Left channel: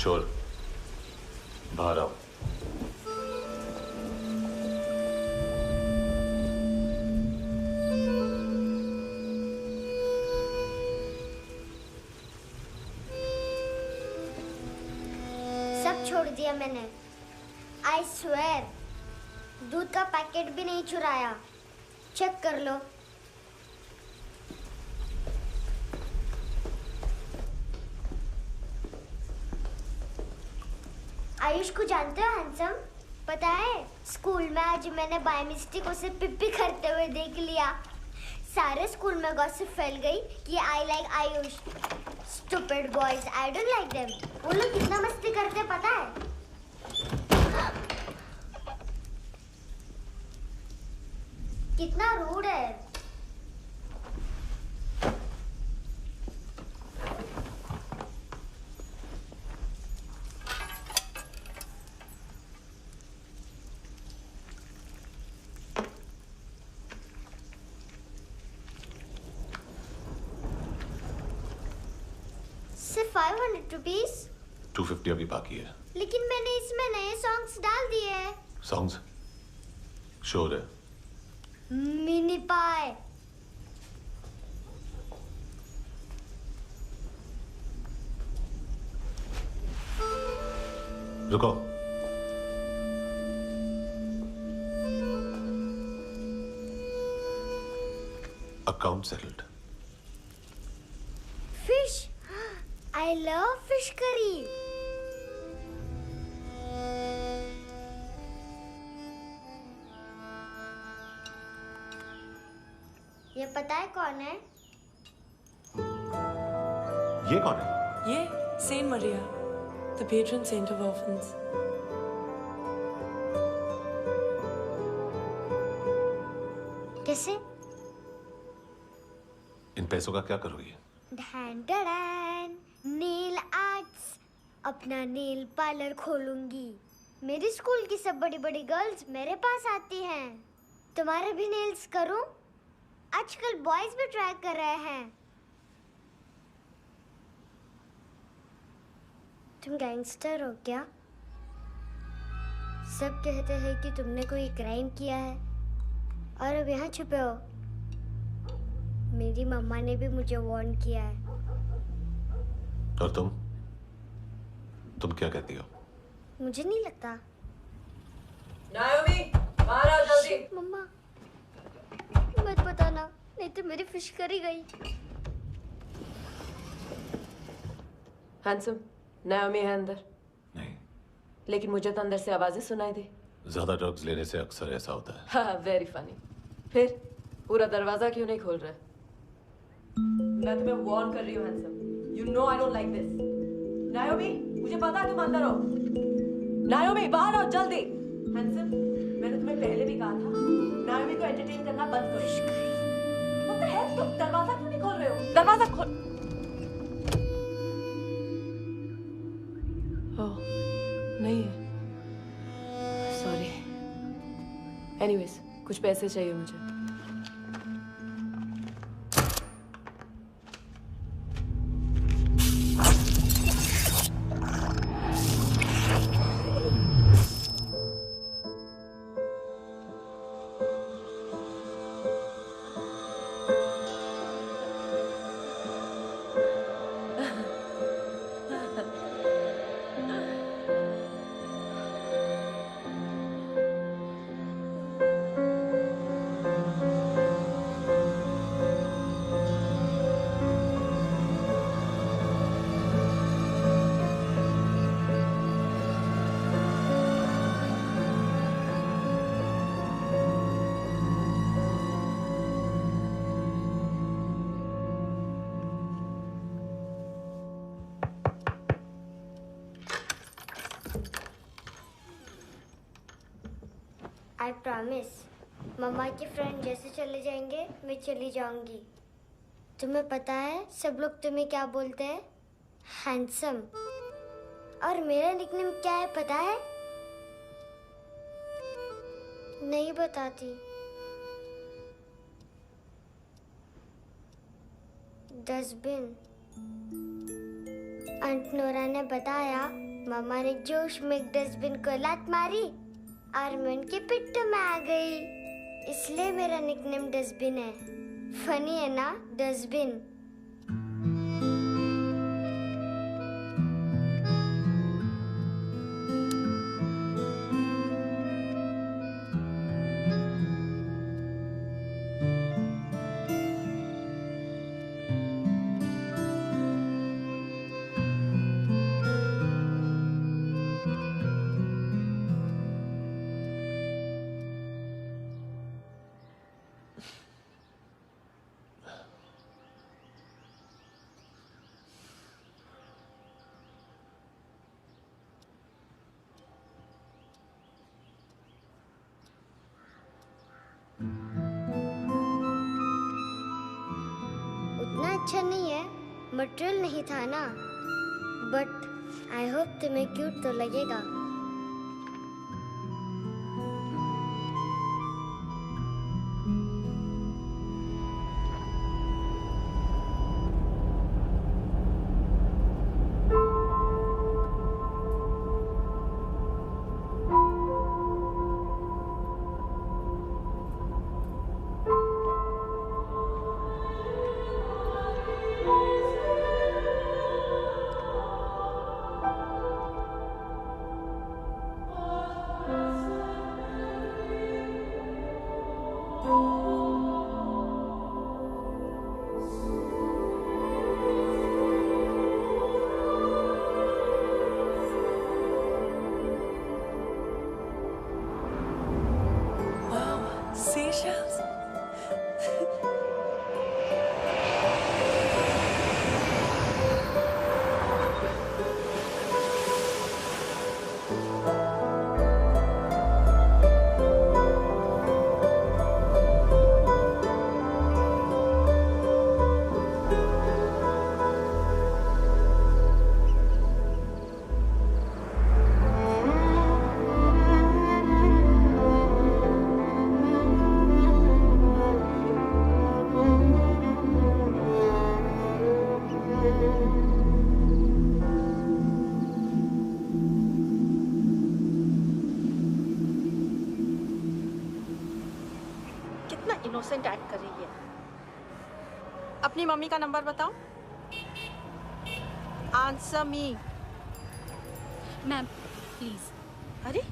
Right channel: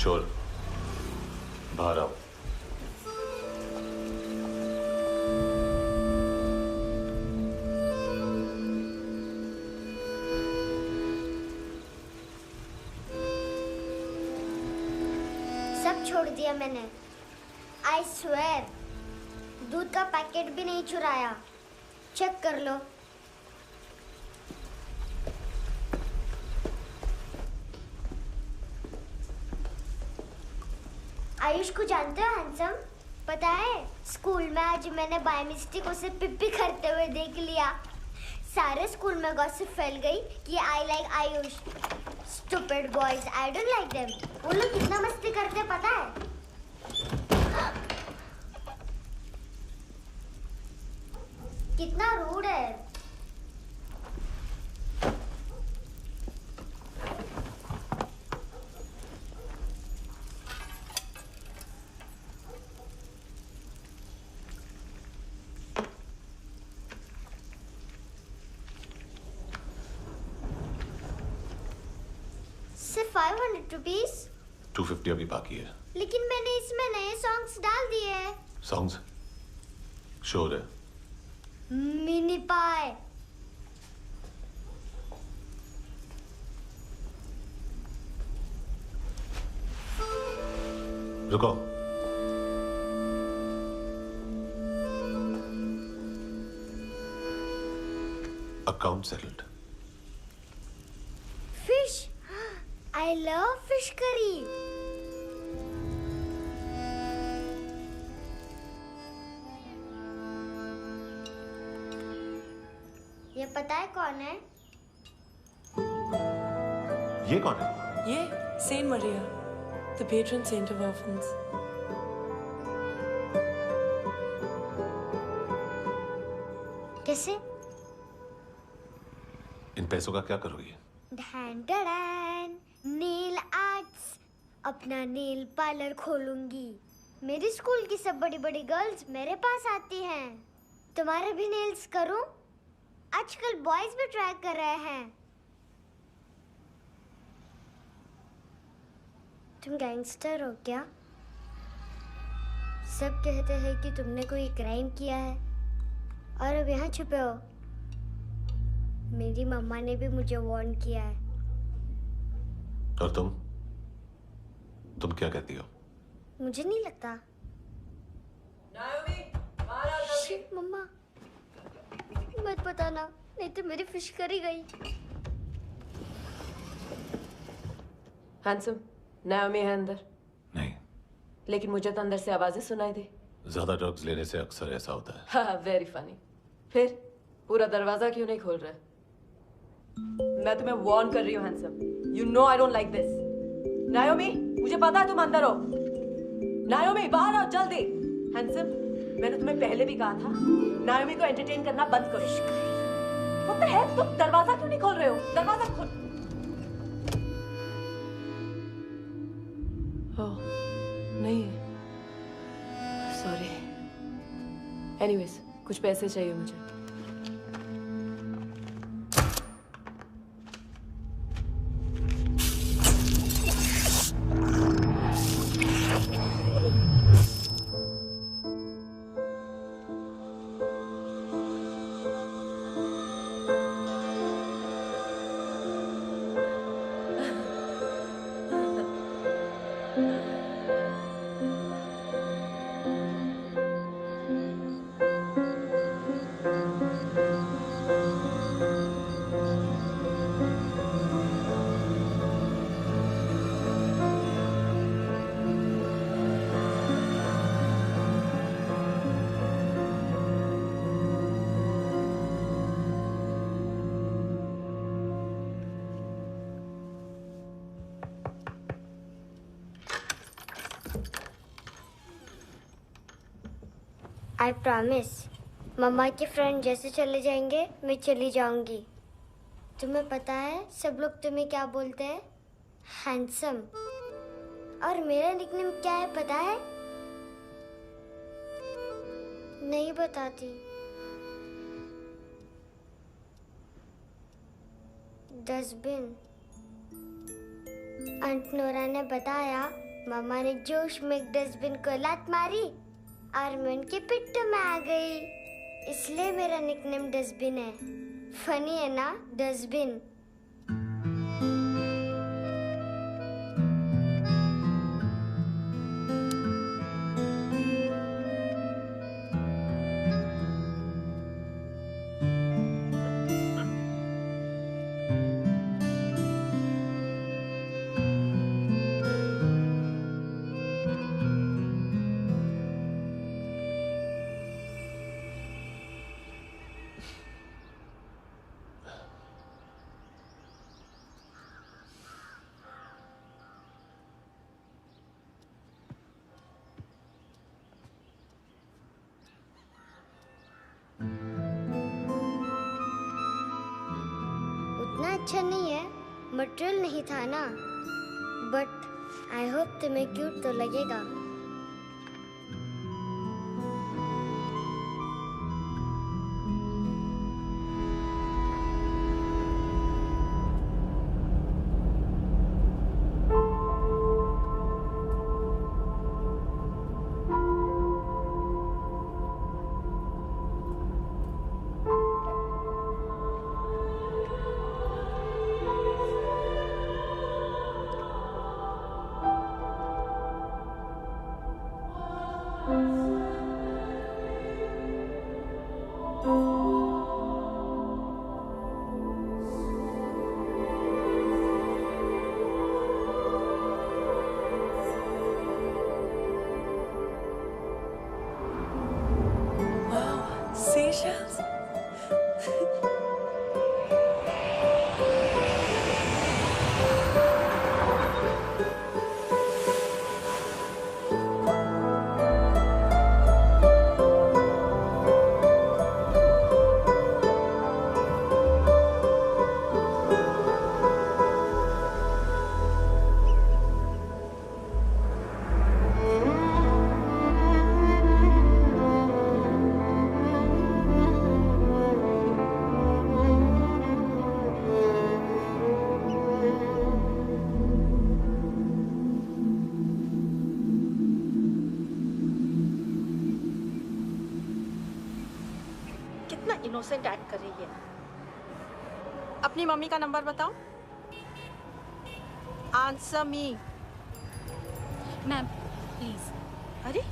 चोर, बाहर आओ। सब छोड़ दिया मैंने। I swear, दूध का पैकेट भी नहीं चुराया। चेक कर लो। आयुष को जानते हो हैंडसम? पता है स्कूल में आज मैंने बाय मिस्टेक उसे पिप्पी करते हुए देख लिया। सारे स्कूल में गॉसिप फैल गई कि I like Ayush. Stupid boys, I don't like them. वो लोग कितना मस्ती करते पता है? कितना रूड है। सिर्फ 500 रुपीस? 250 अभी बाकी है। लेकिन मैंने इसमें नए सॉन्ग्स डाल दिए हैं। सॉन्ग्स? शोर है। मिनी पाई। रुको। Account settled. Fish. I love fish curry. ये पता है कौन है? ये कौन है? ये Saint Maria, the patron saint of orphans. कैसे? इन पैसों का क्या करोगी? ढैन ढैन, नेल आर्ट्स। अपना नेल पार्लर खोलूंगी। मेरी स्कूल की सब बड़ी बड़ी गर्ल्स मेरे पास आती हैं। तुम्हारे भी नेल्स करूं? आजकल बॉयज भी ट्राई कर रहे हैं। तुम गैंगस्टर हो क्या? सब कहते हैं कि तुमने कोई क्राइम किया है और अब यहाँ छुपे हो। मेरी मम्मा ने भी मुझे वार्न किया है। और तुम क्या कहती हो? मुझे नहीं लगता। नायोमी, बाहर आओ जल्दी। मम्मा, मत बताना, नहीं तो मेरी फिश करी गई। हैंडसम, नायोमी है अंदर। नहीं। लेकिन मुझे तो अंदर से आवाजें सुनाई दी। ज्यादा ड्रग्स लेने से अक्सर ऐसा होता है। हाँ, वेरी फनी। फिर पूरा दरवाजा क्यों नहीं खोल रहा? मैं तुम्हें वार्न कर रही हूँ handsome. You know I don't like this. नायोमी, मुझे पता है तुम अंदर हो। नायोमी, बाहर आओ जल्दी। हैंडसम, मैंने तुम्हें पहले भी कहा था नायोमी को एंटरटेन करना बंद करो। What the hell? तुम दरवाजा क्यों नहीं खोल रहे हो? दरवाजा खोल। ओह, नहीं है। सॉरी। एनीवेज, कुछ पैसे चाहिए मुझे। आई प्रॉमिस, मम्मा के फ्रेंड जैसे चले जाएंगे मैं चली जाऊंगी। तुम्हें पता है सब लोग तुम्हें क्या बोलते हैं? हैंडसम। और मेरा निकनेम क्या है पता है? नहीं बताती। डस्टबिन। आंट नोरा ने बताया मामा ने जोश में एक डस्टबिन को लात मारी और मैं उनके पिट्ठू में आ गई। इसलिए मेरा निकनेम डस्टबिन है। फनी है ना, डस्टबिन। उतना अच्छा नहीं है, मटेरियल नहीं था ना, बट आई होप तुम्हें क्यूट तो लगेगा। Seashells? कितना इनोसेंट एक्ट कर रही है। अपनी मम्मी का नंबर बताओ। Answer me. Ma'am please. अरे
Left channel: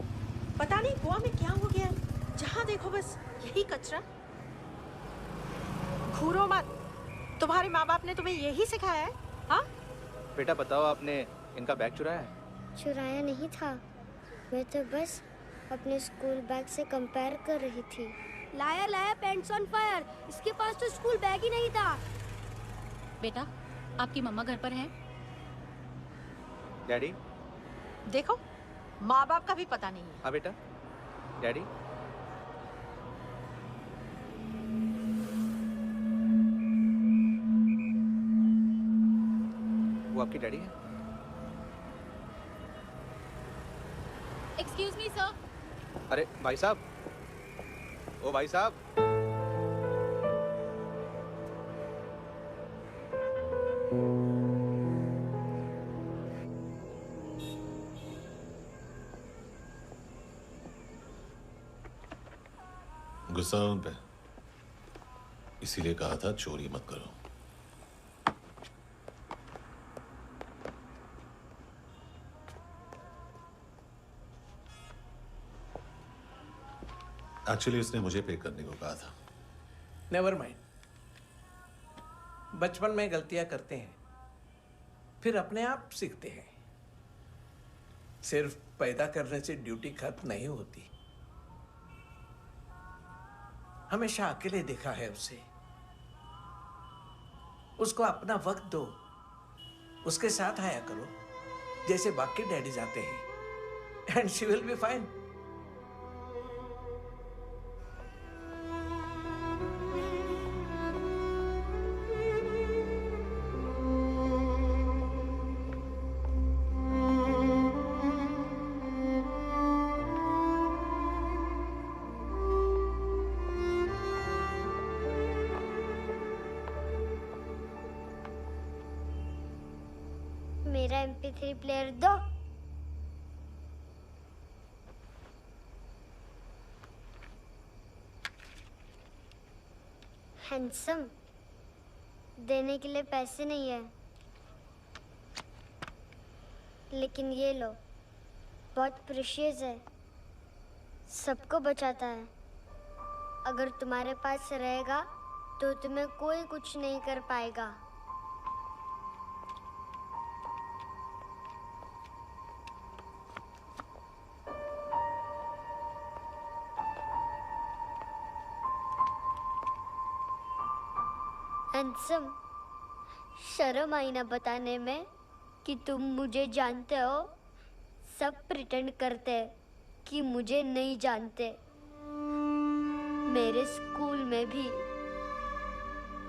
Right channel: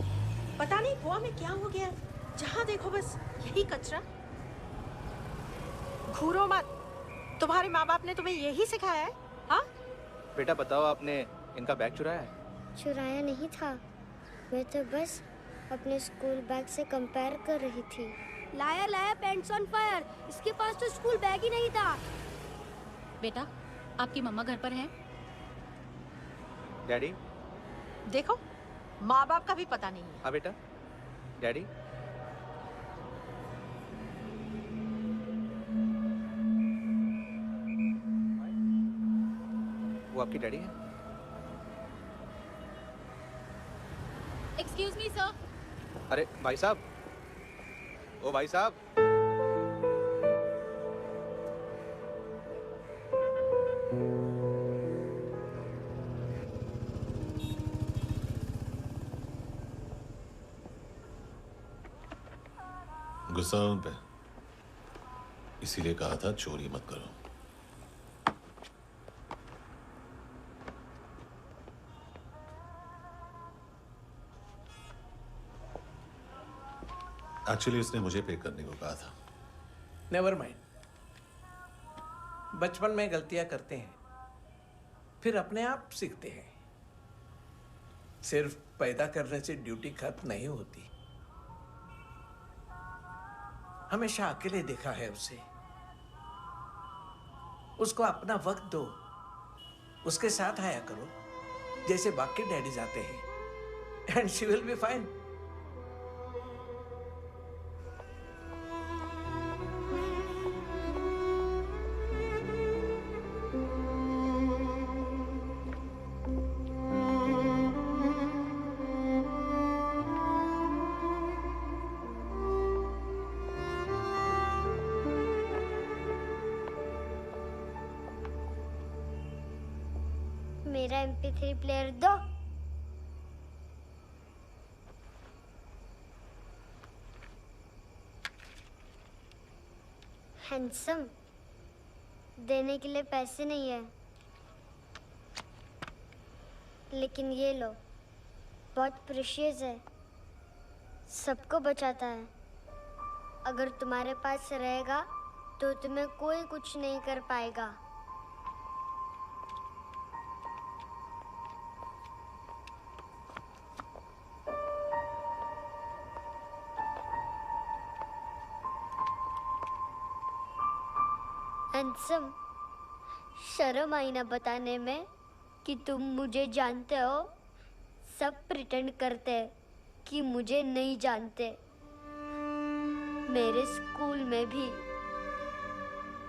पता नहीं गोवा में क्या हो गया, जहाँ देखो बस यही कचरा। घूरो मत, तुम्हारे माँ बाप ने तुम्हें यही सिखाया है? हाँ बेटा बताओ, आपने इनका बैग चुराया है? चुराया नहीं था, मैं तो बस अपने स्कूल बैग से कंपेयर कर रही थी। लाया लाया पैंट्स ऑन फायर, इसके पास तो स्कूल बैग ही नहीं था। बेटा आपकी मम्मा घर पर हैं? डैडी? देखो, माँ बाप का भी पता नहीं है। हाँ बेटा। डैडी? वो आपकी डैडी है? Excuse me sir. अरे भाई साहब, ओ भाई साहब। गुस्सा है उन पे, इसीलिए कहा था चोरी मत करो। एक्चुअली उसने मुझे पे करने को कहा था। नेवर माइंड, बचपन में गलतियां करते हैं, फिर अपने आप सीखते हैं। सिर्फ पैदा करने से ड्यूटी खत्म नहीं होती। हमेशा अकेले देखा है उसे। उसको अपना वक्त दो, उसके साथ आया करो जैसे बाकी डैडीज आते हैं, and she will be fine. मेरा MP3 प्लेयर दो। हैंडसम, देने के लिए पैसे नहीं है, लेकिन ये लो, बहुत प्रेशियस है, सबको बचाता है। अगर तुम्हारे पास रहेगा तो तुम्हें कोई कुछ नहीं कर पाएगा। हैंडसम, शर्म आई ना बताने में कि तुम मुझे जानते हो? सब प्रिटेंड करते हैं कि मुझे नहीं जानते। मेरे स्कूल में भी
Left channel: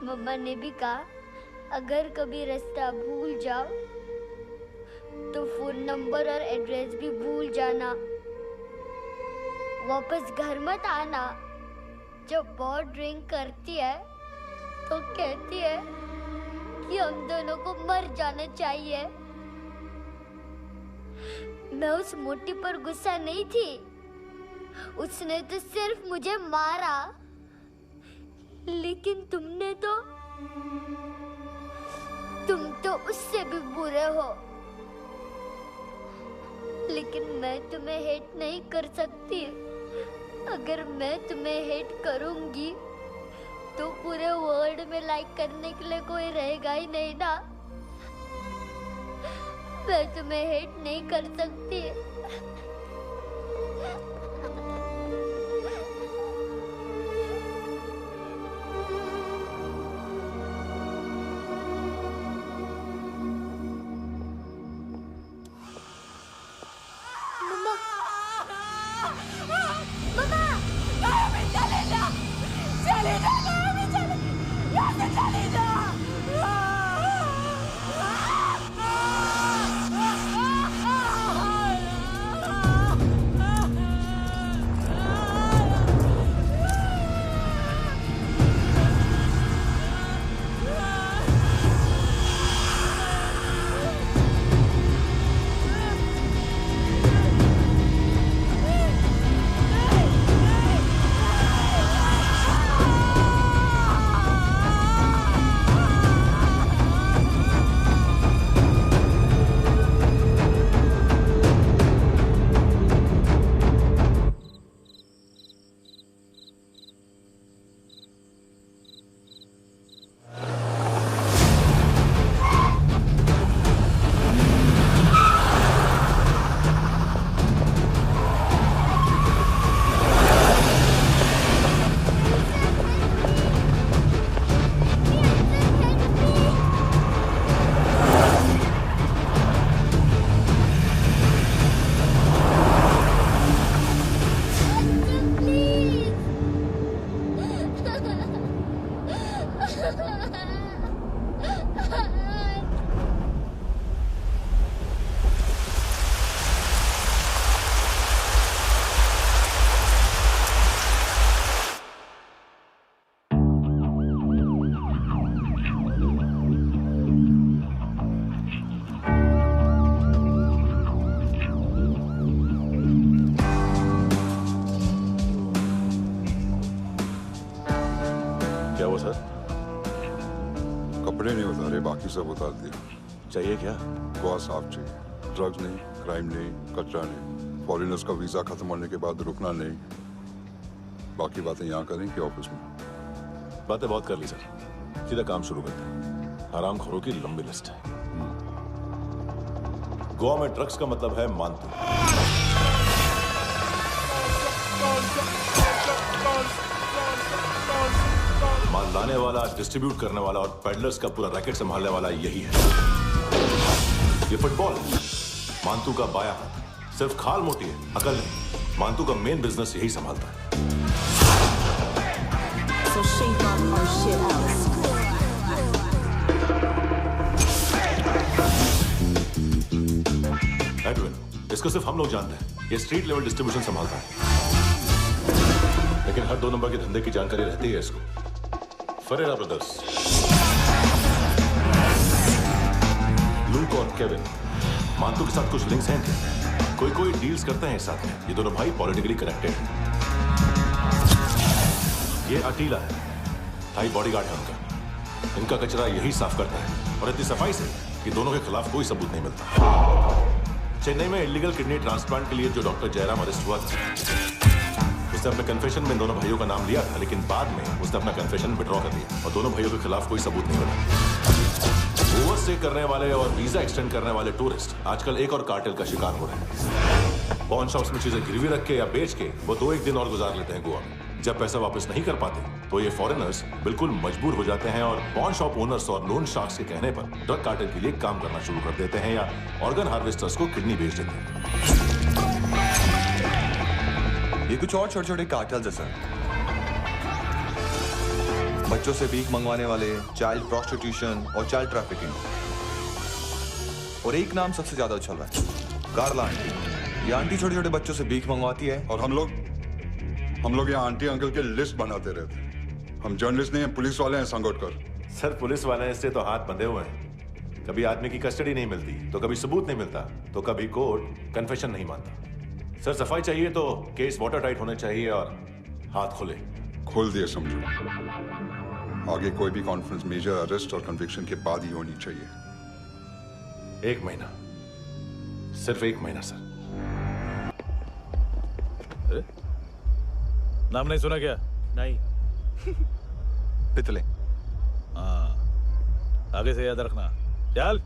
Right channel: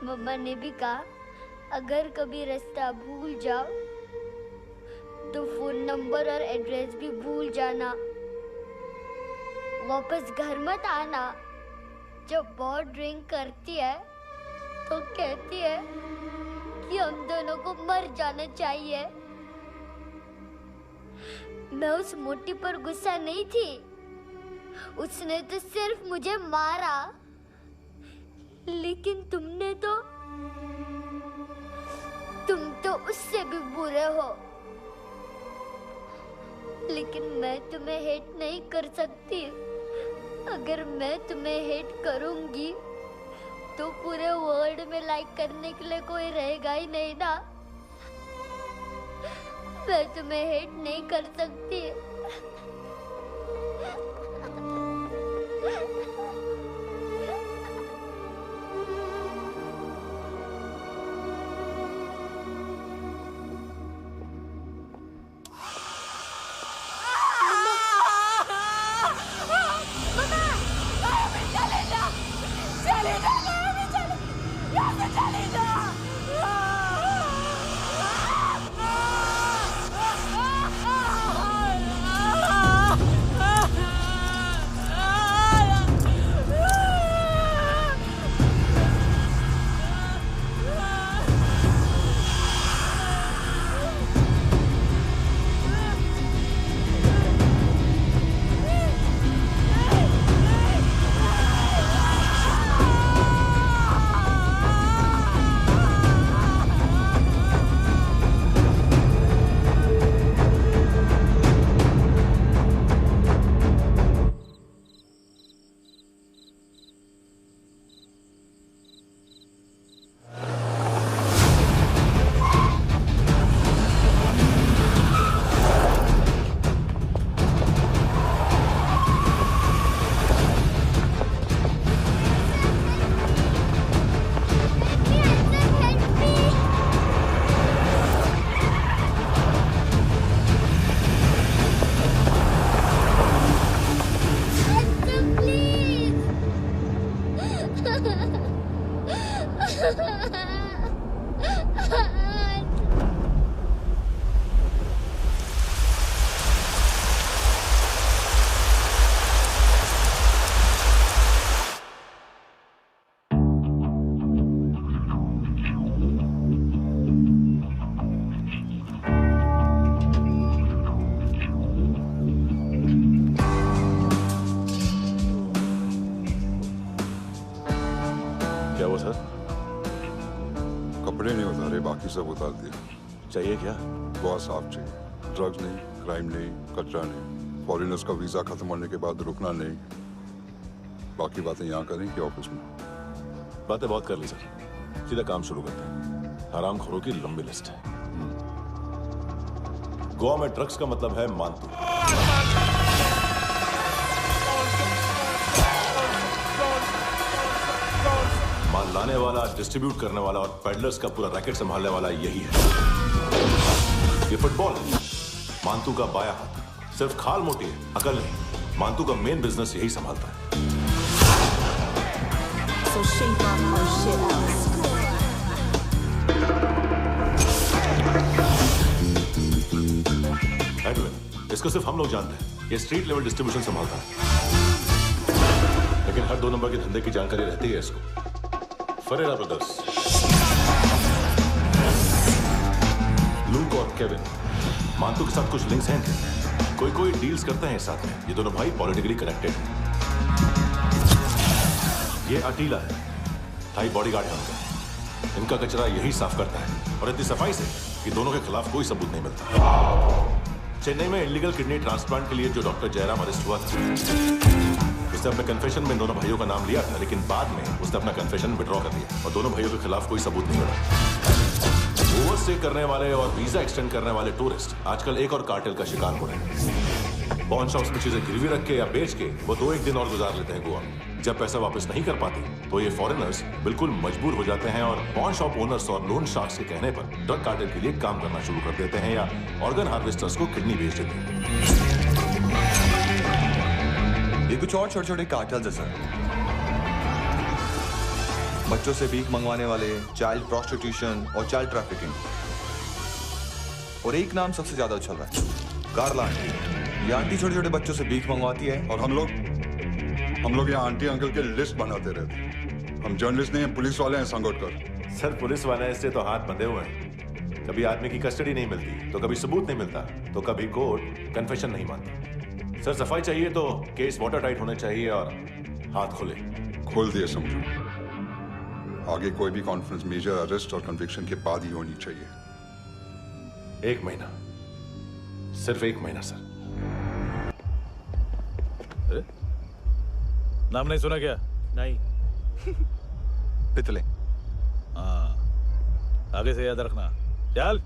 मम्मा ने भी कहा, अगर कभी रास्ता भूल जाओ तो फोन नंबर और एड्रेस भी भूल जाना, वापस घर मत आना। जब बहुत ड्रिंक करती है तो कहती है कि हम दोनों को मर जाना चाहिए। मैं उस मोटी पर गुस्सा नहीं थी, उसने तो सिर्फ मुझे मारा, लेकिन तुम तो उससे भी बुरे हो। लेकिन मैं तुम्हें हेट नहीं कर सकती। अगर मैं तुम्हें हेट करूंगी तो पूरे वर्ल्ड में लाइक करने के लिए कोई रहेगा ही नहीं ना। मैं तुम्हें हेट नहीं कर सकती। कपड़े नहीं उतारे, बाकी सब उतार दिया। चाहिए क्या? बहुत साफ चाहिए। ड्रग्स नहीं, क्राइम नहीं, कचरा नहीं, फॉरेनर्स का वीजा खत्म होने के बाद रुकना नहीं। बाकी बातें यहाँ करें कि ऑफिस में? बातें बहुत कर ली सर, सीधा काम शुरू करते हैं। हरामखोरों की लंबी लिस्ट है। गोवा में ड्रग्स का मतलब है मानतू। माल लाने वाला, डिस्ट्रीब्यूट करने वाला और पेडलर्स का पूरा रैकेट संभालने वाला यही है। ये फुटबॉल है, मानतू का बाया हाथ। सिर्फ खाल मोटी है, अकल नहीं। मानतू का मेन बिजनेस यही संभालता है। So shape up or shit out. Edwin, इसको सिर्फ हम लोग जानते हैं। ये स्ट्रीट लेवल डिस्ट्रीब्यूशन संभालता है, लेकिन हर 2 नंबर के धंधे की जानकारी रहती है इसको। फरेरा ब्रदर्स, लूक और केविन, मानतू के साथ कुछ लिंक्स हैं क्या? कोई डील्स करते हैं साथ में। ये दोनों भाई पॉलिटिकली कनेक्टेड हैं। ये अटीला है, स्थायी बॉडीगार्ड है उनका। इनका कचरा यही साफ करता है और इतनी सफाई से कि दोनों के खिलाफ कोई सबूत नहीं मिलता। चेन्नई में इलीगल किडनी ट्रांसप्लांट के लिए जो डॉक्टर जयराम अरेस्ट हुआ था, उसने अपने कन्फेशन में दोनों भाइयों का नाम लिया था, लेकिन बाद में उसने अपना कन्फेशन विड्रॉ कर दिया और दोनों भाइयों के खिलाफ कोई सबूत नहीं मिला। ओवरस्टे करने वाले और वीजा एक्सटेंड करने वाले टूरिस्ट आजकल एक और कार्टेल का शिकार हो रहे हैं। पॉन शॉप्स में चीजें गिरवी रख के या बेच के वो 2-1 दिन और गुजार लेते हैं गोवा में। जब पैसा वापस नहीं कर पाते तो ये फॉरेनर्स बिल्कुल मजबूर हो जाते हैं और पॉन शॉप ओनर्स और लोन शार्क्स के कहने पर ड्रग कार्टेल के लिए काम करना शुरू कर देते हैं या ऑर्गन हार्वेस्टर्स को किडनी बेच देते हैं। ये कुछ और छोटे छोटे कार्टेल्स है सर। बच्चों से भीख मंगवाने वाले, चाइल्ड प्रोस्टिट्यूशन और चाइल्ड ट्रैफिकिंग। और एक नाम सबसे ज्यादा उछल रहा है, कार्ला आंटी। ये आंटी छोटे छोटे बच्चों से भीख मंगवाती है और हम लोग यहाँ आंटी अंकल के लिस्ट बनाते रहते। हम जर्नलिस्ट नहीं हैं, पुलिस वाले हैं संगोटकर। सर पुलिस वाले हैं, इससे तो हाथ बंधे हुए हैं। कभी आदमी की कस्टडी नहीं मिलती तो कभी सबूत नहीं मिलता तो कभी कोर्ट कन्फेशन नहीं मानता। सर सफाई चाहिए तो केस वाटर टाइट होने चाहिए और हाथ खुले। खोल दिए समझो। आगे कोई भी कॉन्फ्रेंस मेजर अरेस्ट और कन्विक्शन के बाद ही होनी चाहिए। 1 महीना, सिर्फ 1 महीना सर। नाम नहीं सुना क्या? नहीं। पितले। हाँ, आगे से याद रखना। चल।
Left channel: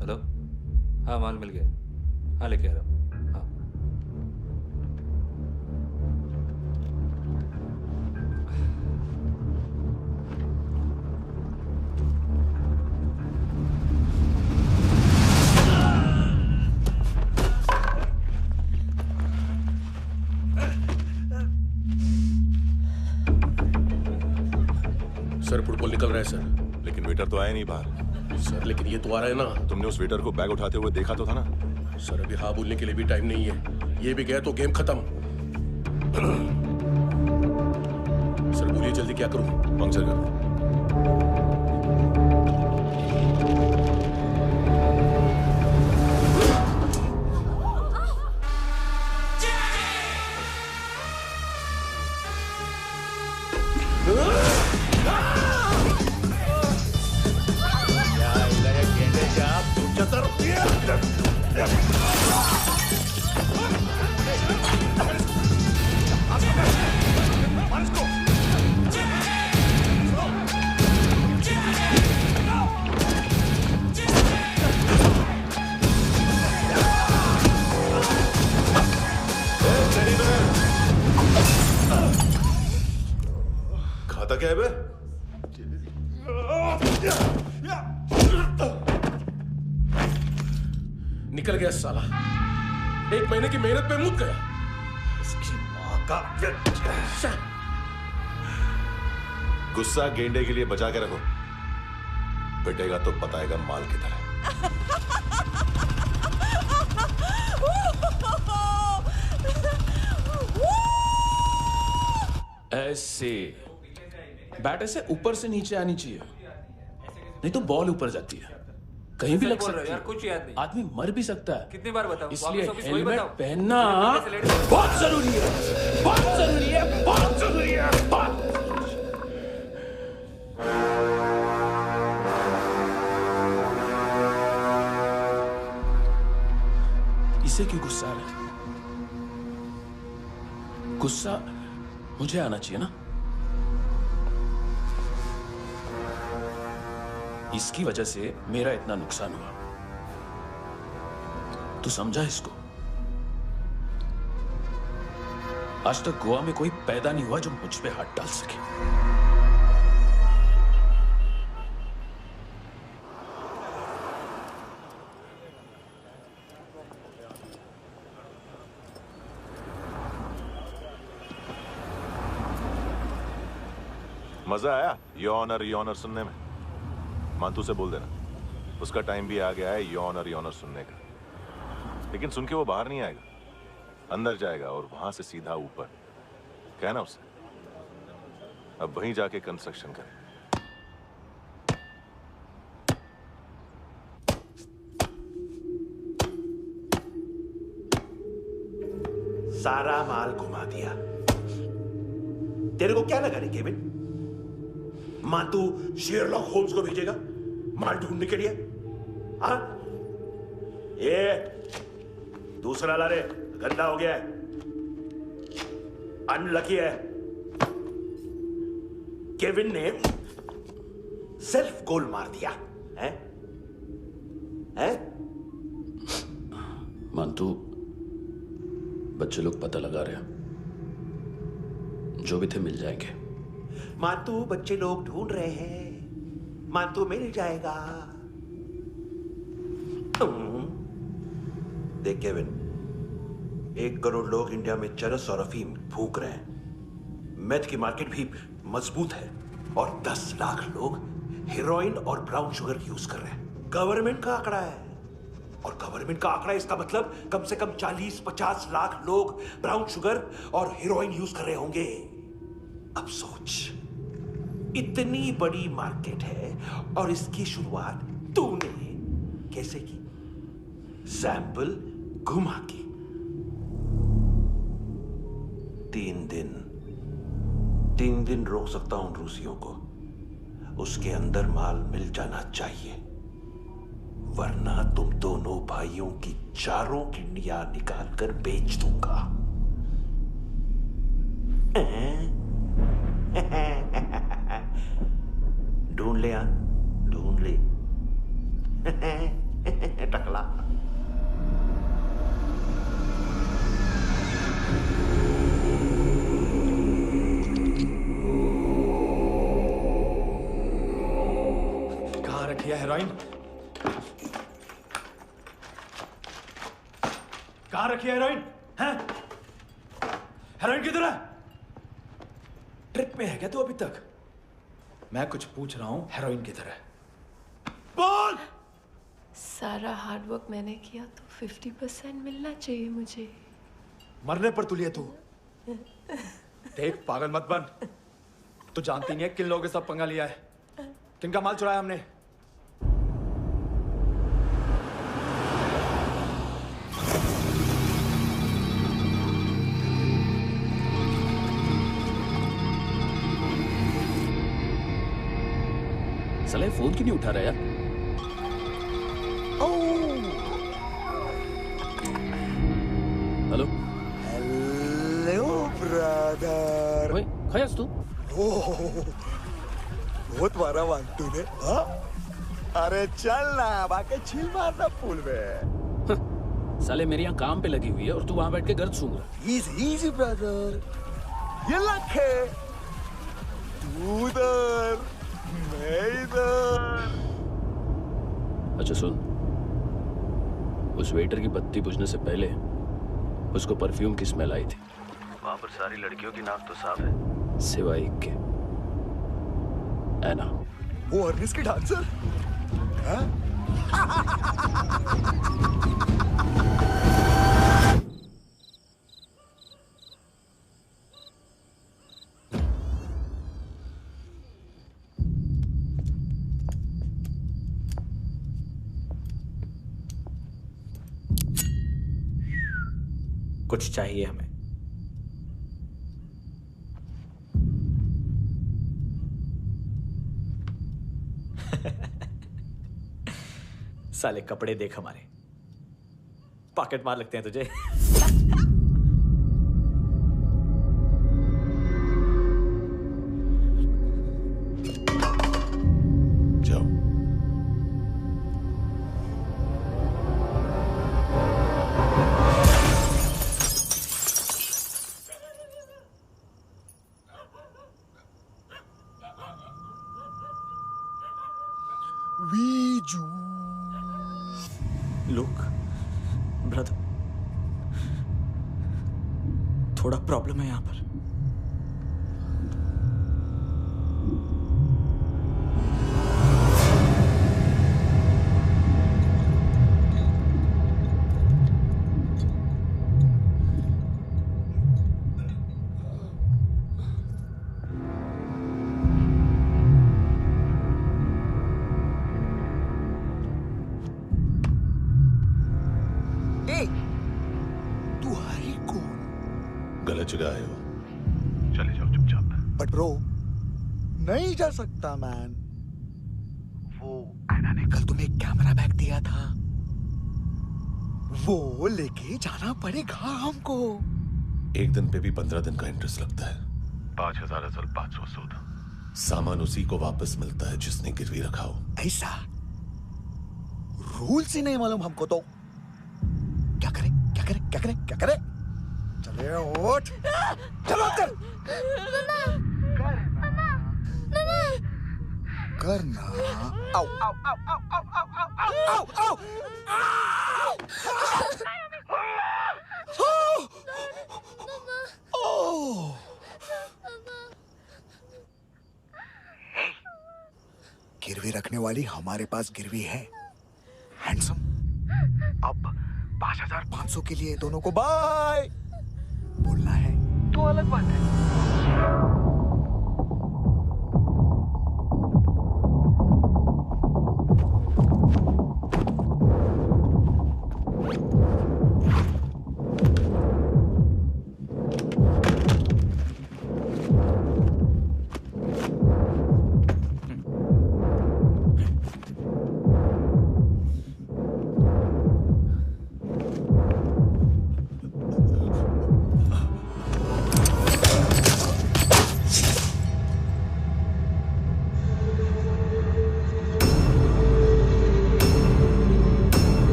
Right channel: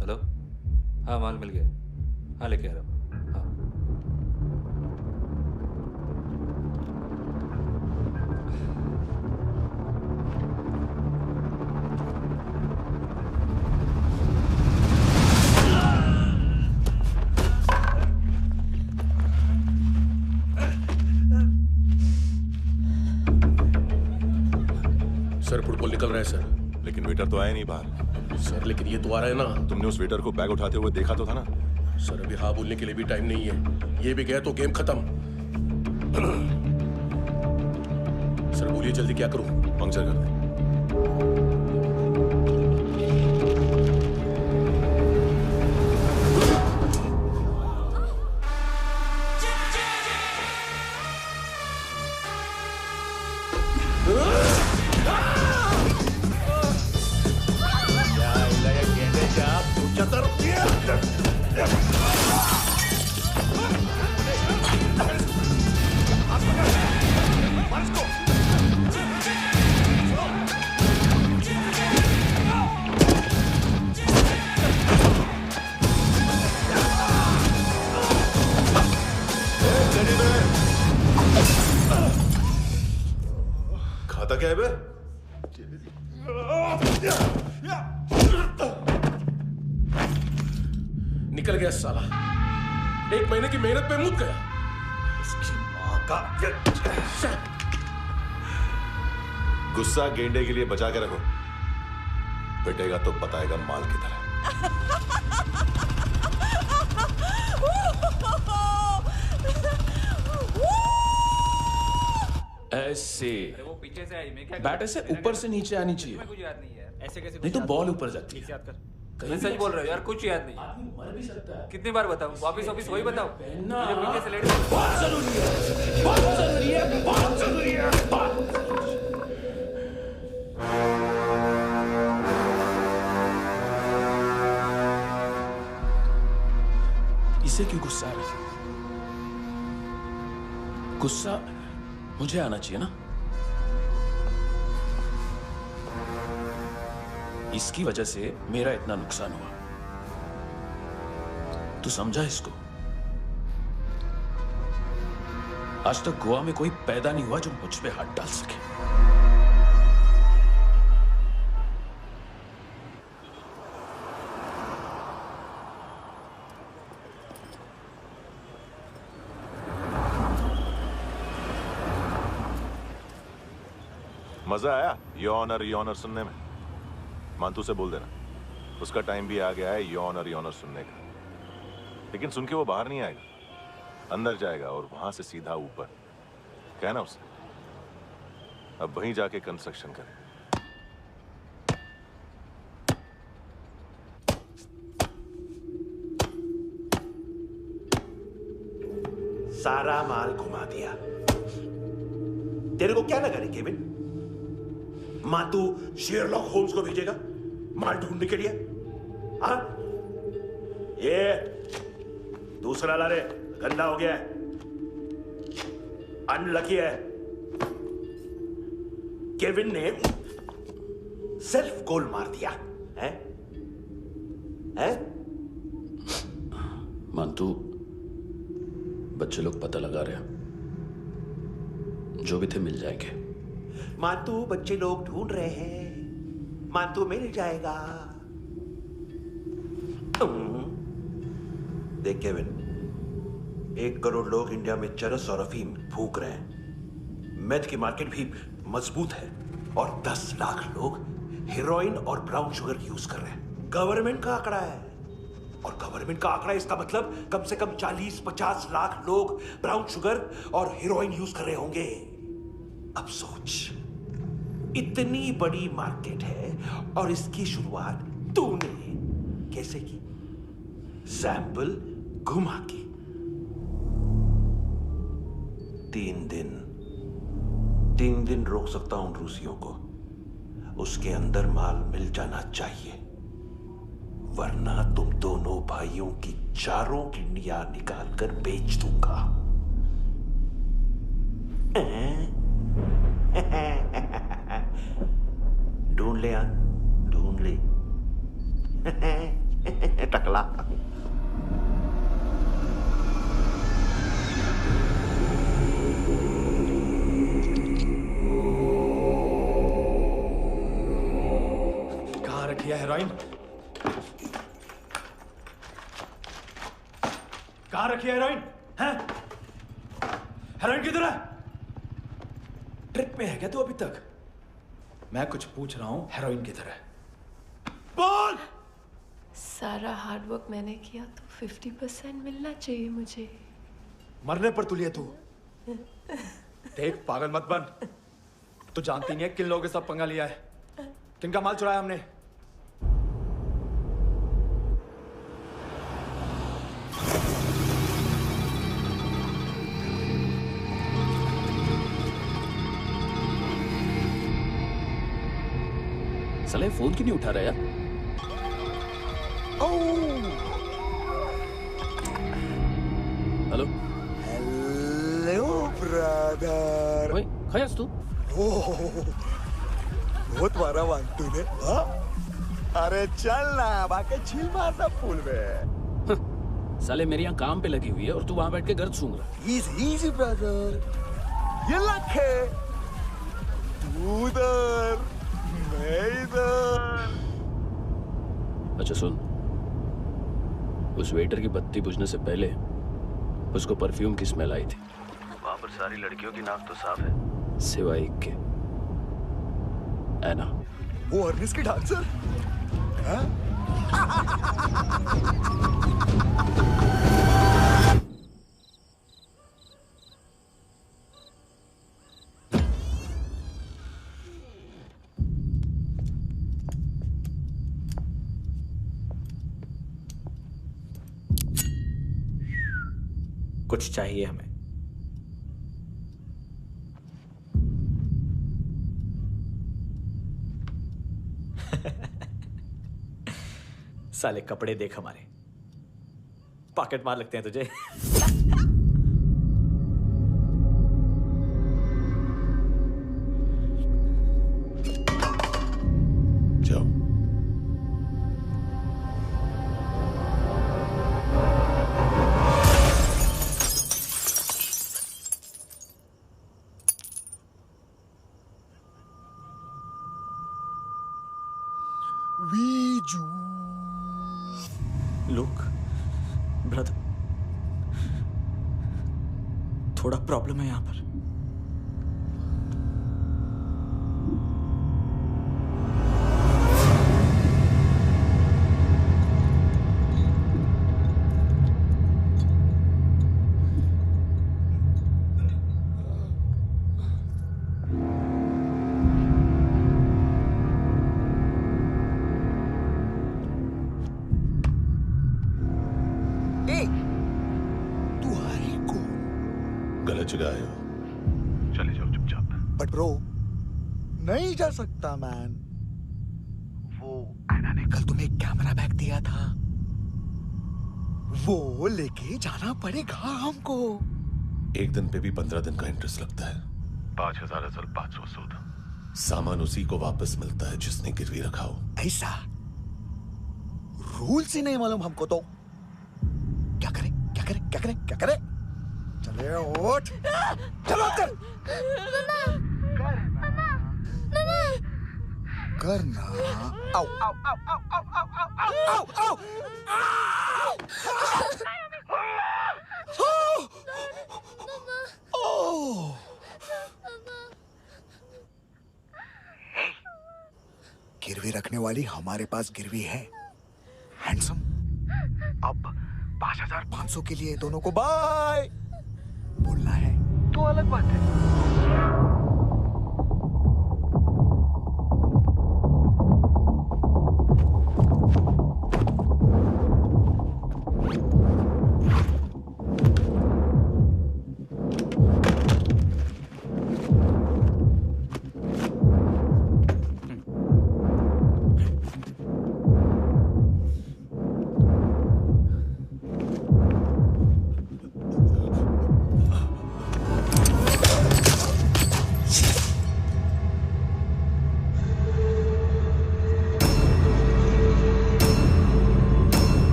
हेलो, हाँ माल मिल गया। हाँ लेके आ रहा हूँ। हाँ सर फुटबॉल निकल रहा है सर। लेकिन वेटर तो आया नहीं बाहर। सर लेकिन ये तो आ रहा है ना। तुमने उस वेटर को बैग उठाते हुए देखा तो था ना। सर अभी हाँ बोलने के लिए भी टाइम नहीं है। ये भी गया तो गेम खत्म। सर बोलिए जल्दी क्या करूं? पंक्चर कर दे। खाता क्या है बे? निकल गया साला। 1 महीने की मेहनत पे मुक गया। इसकी माँ का गुस्सा गेंडे के लिए बचा के रखो, पिटेगा तो बताएगा माल की तरह। ऐसे बैट ऐसे ऊपर से नीचे आनी चाहिए, नहीं तो बॉल ऊपर जाती है। कहीं भी बोल रहे हो यार, कुछ याद नहीं। आदमी मर भी सकता है। कितनी बार बताओ? वापस ऑफिस वही बताओ। पहनना बहुत जरूरी है, बहुत जरूरी है, बहुत जरूरी है, बहुत। इसे क्यों गुस्सा आ रहा है? गुस्सा मुझे आना चाहिए ना। इसकी वजह से मेरा इतना नुकसान हुआ। तू समझा इसको? आज तक गोवा में कोई पैदा नहीं हुआ जो मुझ पे हाथ डाल सके। मजा आया योनर सुनने में? मानतू से बोल देना उसका टाइम भी आ गया है योनर सुनने का। लेकिन सुन के वो बाहर नहीं आएगा, अंदर जाएगा और वहां से सीधा ऊपर। कहना उससे अब वहीं जाके कंस्ट्रक्शन करे। सारा माल घुमा दिया। तेरे को क्या लगा रे केविन? मां तू शेरलॉक होम्स को भेजेगा माल ढूंढने के लिए? हाँ? ये दूसरा ला रे, गंदा हो गया है, अनलकी है। केविन ने सेल्फ गोल मार दिया है? हैं? मानतू, बच्चे लोग पता लगा रहे हैं, जो भी थे मिल जाएंगे। मानतू, बच्चे लोग ढूंढ रहे हैं, मानतू मिल जाएगा। देख केविन, 1 करोड़ लोग इंडिया में चरस और अफीम फूंक रहे हैं। मेथ की मार्केट भी मजबूत है और 10 लाख लोग हेरोइन और ब्राउन शुगर यूज कर रहे हैं। गवर्नमेंट का आंकड़ा है, और गवर्नमेंट का आंकड़ा, इसका मतलब कम से कम 40-50 लाख लोग ब्राउन शुगर और हेरोइन यूज कर रहे होंगे। अब सोच, इतनी बड़ी मार्केट है और इसकी शुरुआत तूने कैसे की? सैंपल घुमा के। 3 दिन रोक सकता हूं रूसियों को, उसके अंदर माल मिल जाना चाहिए, वरना तुम दोनों भाइयों की 4 किडनियां निकाल कर बेच दूंगा। ढूंढ ले यार, ढूंढ ले। टकला। कहाँ रखी है हेरोइन? कहाँ रखी है हेरोइन? हैं? हेरोइन किधर है? ट्रिप पे है क्या तू अभी तक? मैं कुछ पूछ रहा हूं, हेरोइन किधर है? बोल! सारा हार्ड वर्क मैंने किया तो 50% मिलना चाहिए मुझे। मरने पर तुलिए तू। देख, पागल मत बन। तू जानती नहीं है किन लोगों के साथ पंगा लिया है, किनका माल चुराया हमने। साले फोन क्यों नहीं उठा रहा यार? Hello hello brother. ओए, खयास तू? बहुत मारा वांटू ने। हाँ? अरे चल ना, बाकी छील मारना पूल में। साले मेरी यहाँ काम पे लगी हुई है और तू वहां बैठ के गर्द सूंघ रहा। इजी ब्रदर, ये लक है। तू उधर, मैं इधर। अच्छा सुन, उस वेटर की बत्ती बुझने से पहले उसको परफ्यूम की स्मेल आई थी। वहां पर सारी लड़कियों की नाक तो साफ है, सिवाय एक के, एना। वो अर्निस की डांसर? हाँ? कुछ चाहिए हमें। साले कपड़े देख हमारे, पॉकेट मार लगते हैं तुझे। जाओ। लुक ब्रदर, थोड़ा प्रॉब्लम है यहाँ पर। तू आई कौन? जगह आए हो, चले जाओ चुपचाप। बट ब्रो, नहीं जा सकता मैन। वो एना ने कल तुम्हें एक कैमरा बैग दिया था, वो लेके जाना पड़ेगा हमको। एक दिन पे भी 15 दिन का इंटरेस्ट लगता है। 5,000 असल 500 सूद। सामान उसी को वापस मिलता है जिसने गिरवी रखा हो। ऐसा रूल्स ही नहीं मालूम हमको तो। क्या करें क्या करें क्या करें क्या करें? चले उठ, चलो कर करना। आओ आओ आओ आओ आओ आओ आओ आओ आओ। गिरवी रखने वाली हमारे पास गिरवी है। हैंडसम, अब 5,500 के लिए दोनों को बाय बोलना है तो अलग बात है।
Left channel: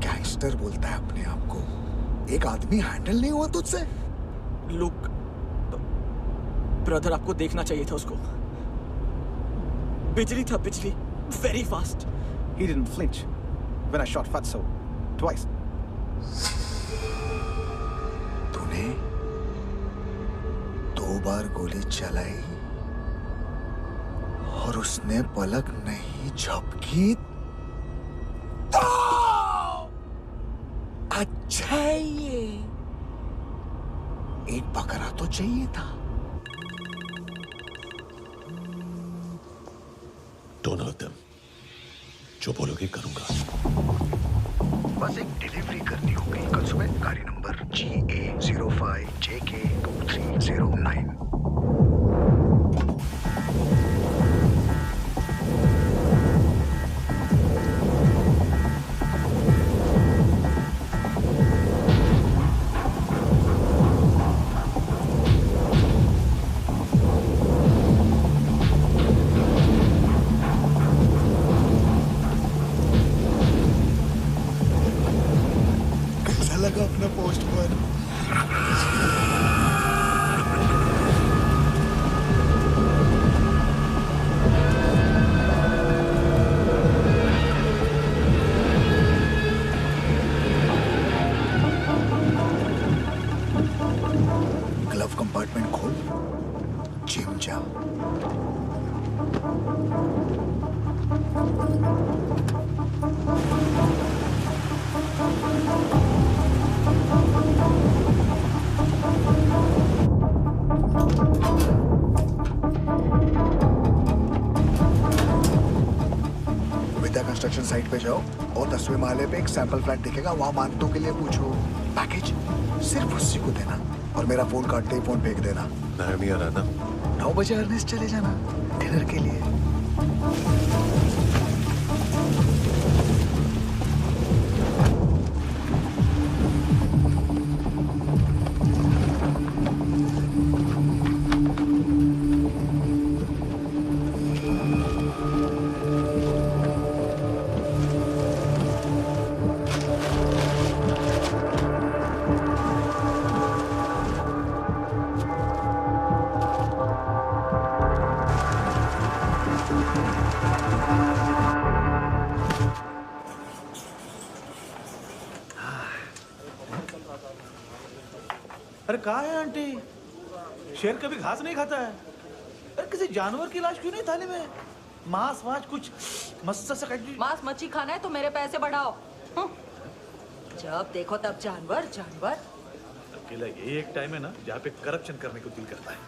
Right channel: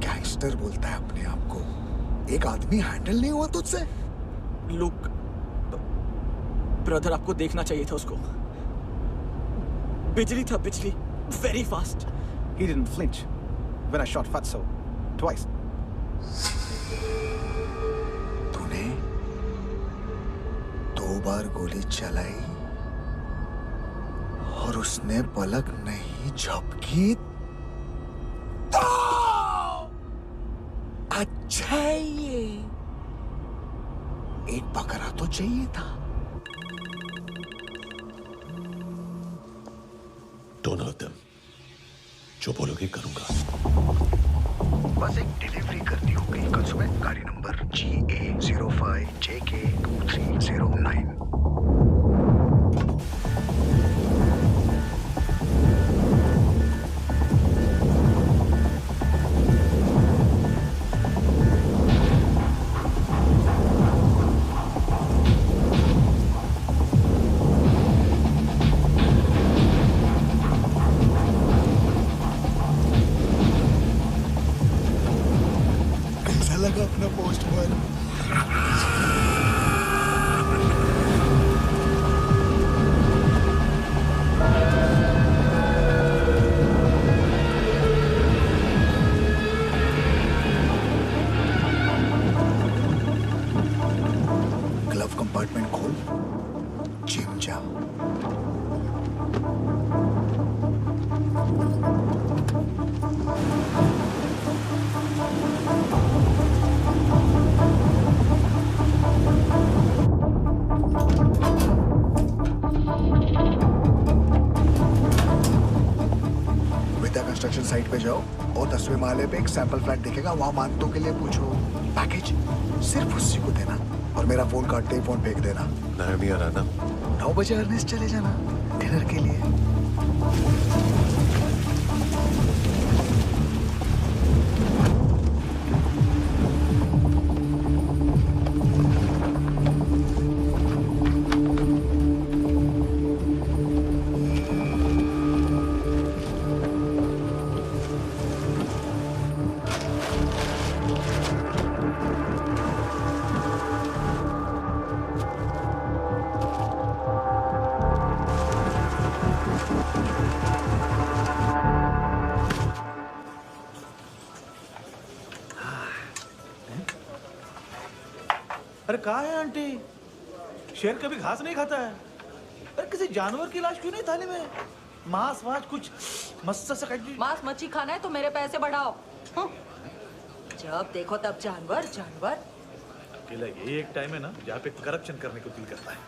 गैंगस्टर बोलता है अपने आप को। एक आदमी हैंडल नहीं हुआ तुझसे? लुक ब्रदर, आपको देखना चाहिए था उसको। बिजली था, बिजली, very fast. He didn't flinch when I shot Fatso twice. तूने 2 बार गोली चलाई और उसने पलक नहीं झपकी तो अच्छा है ये। एक बकरा तो चाहिए था। Don't hurt them. जो बोलोगे करूंगा। बस एक डिलीवरी करनी होगी कल सुबह। गाड़ी नंबर GA05JK2309। लगा अपना पोस्टमैन। ग्लव कंपार्टमेंट खोल, जिम जा। कंस्ट्रक्शन कंस्ट्रक्शन साइट पे जाओ और 10वें माले पे एक सैंपल फ्लैट दिखेगा, वहां मानतों के लिए पूछो। पैकेज सिर्फ उसी को देना और मेरा फोन काटते ही फोन फेंक देना। नायोमी आ रहा ना? 9 बजे अर्नेस्ट चले जाना डिनर के लिए। अरे कहाँ है आंटी? शेर कभी घास नहीं खाता है। अरे किसी जानवर की लाश क्यों नहीं थाली में? मांस वास कुछ मस्त सा मांस मच्छी खाना है तो मेरे पैसे बढ़ाओ। जब देखो तब जानवर जानवर। अकेला यही एक टाइम है ना जहाँ पे करप्शन करने को दिल करता है।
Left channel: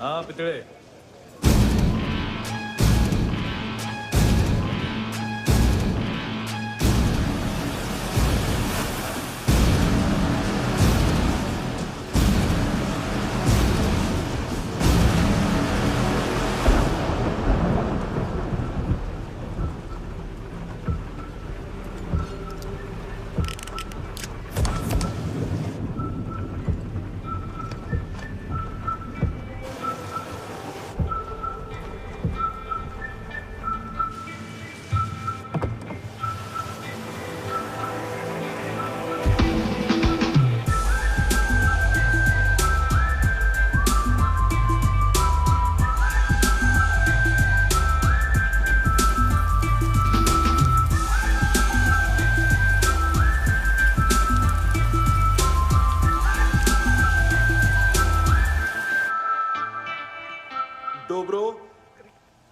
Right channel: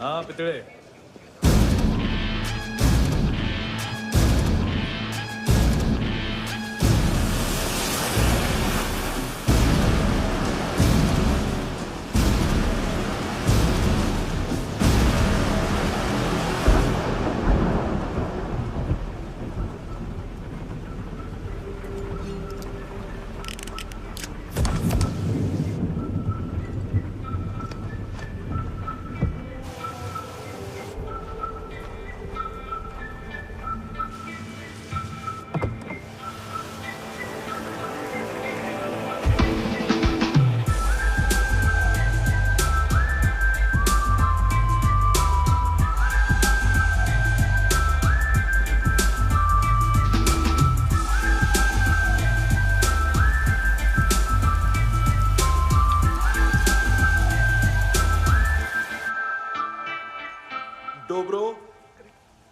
हाँ पितड़े,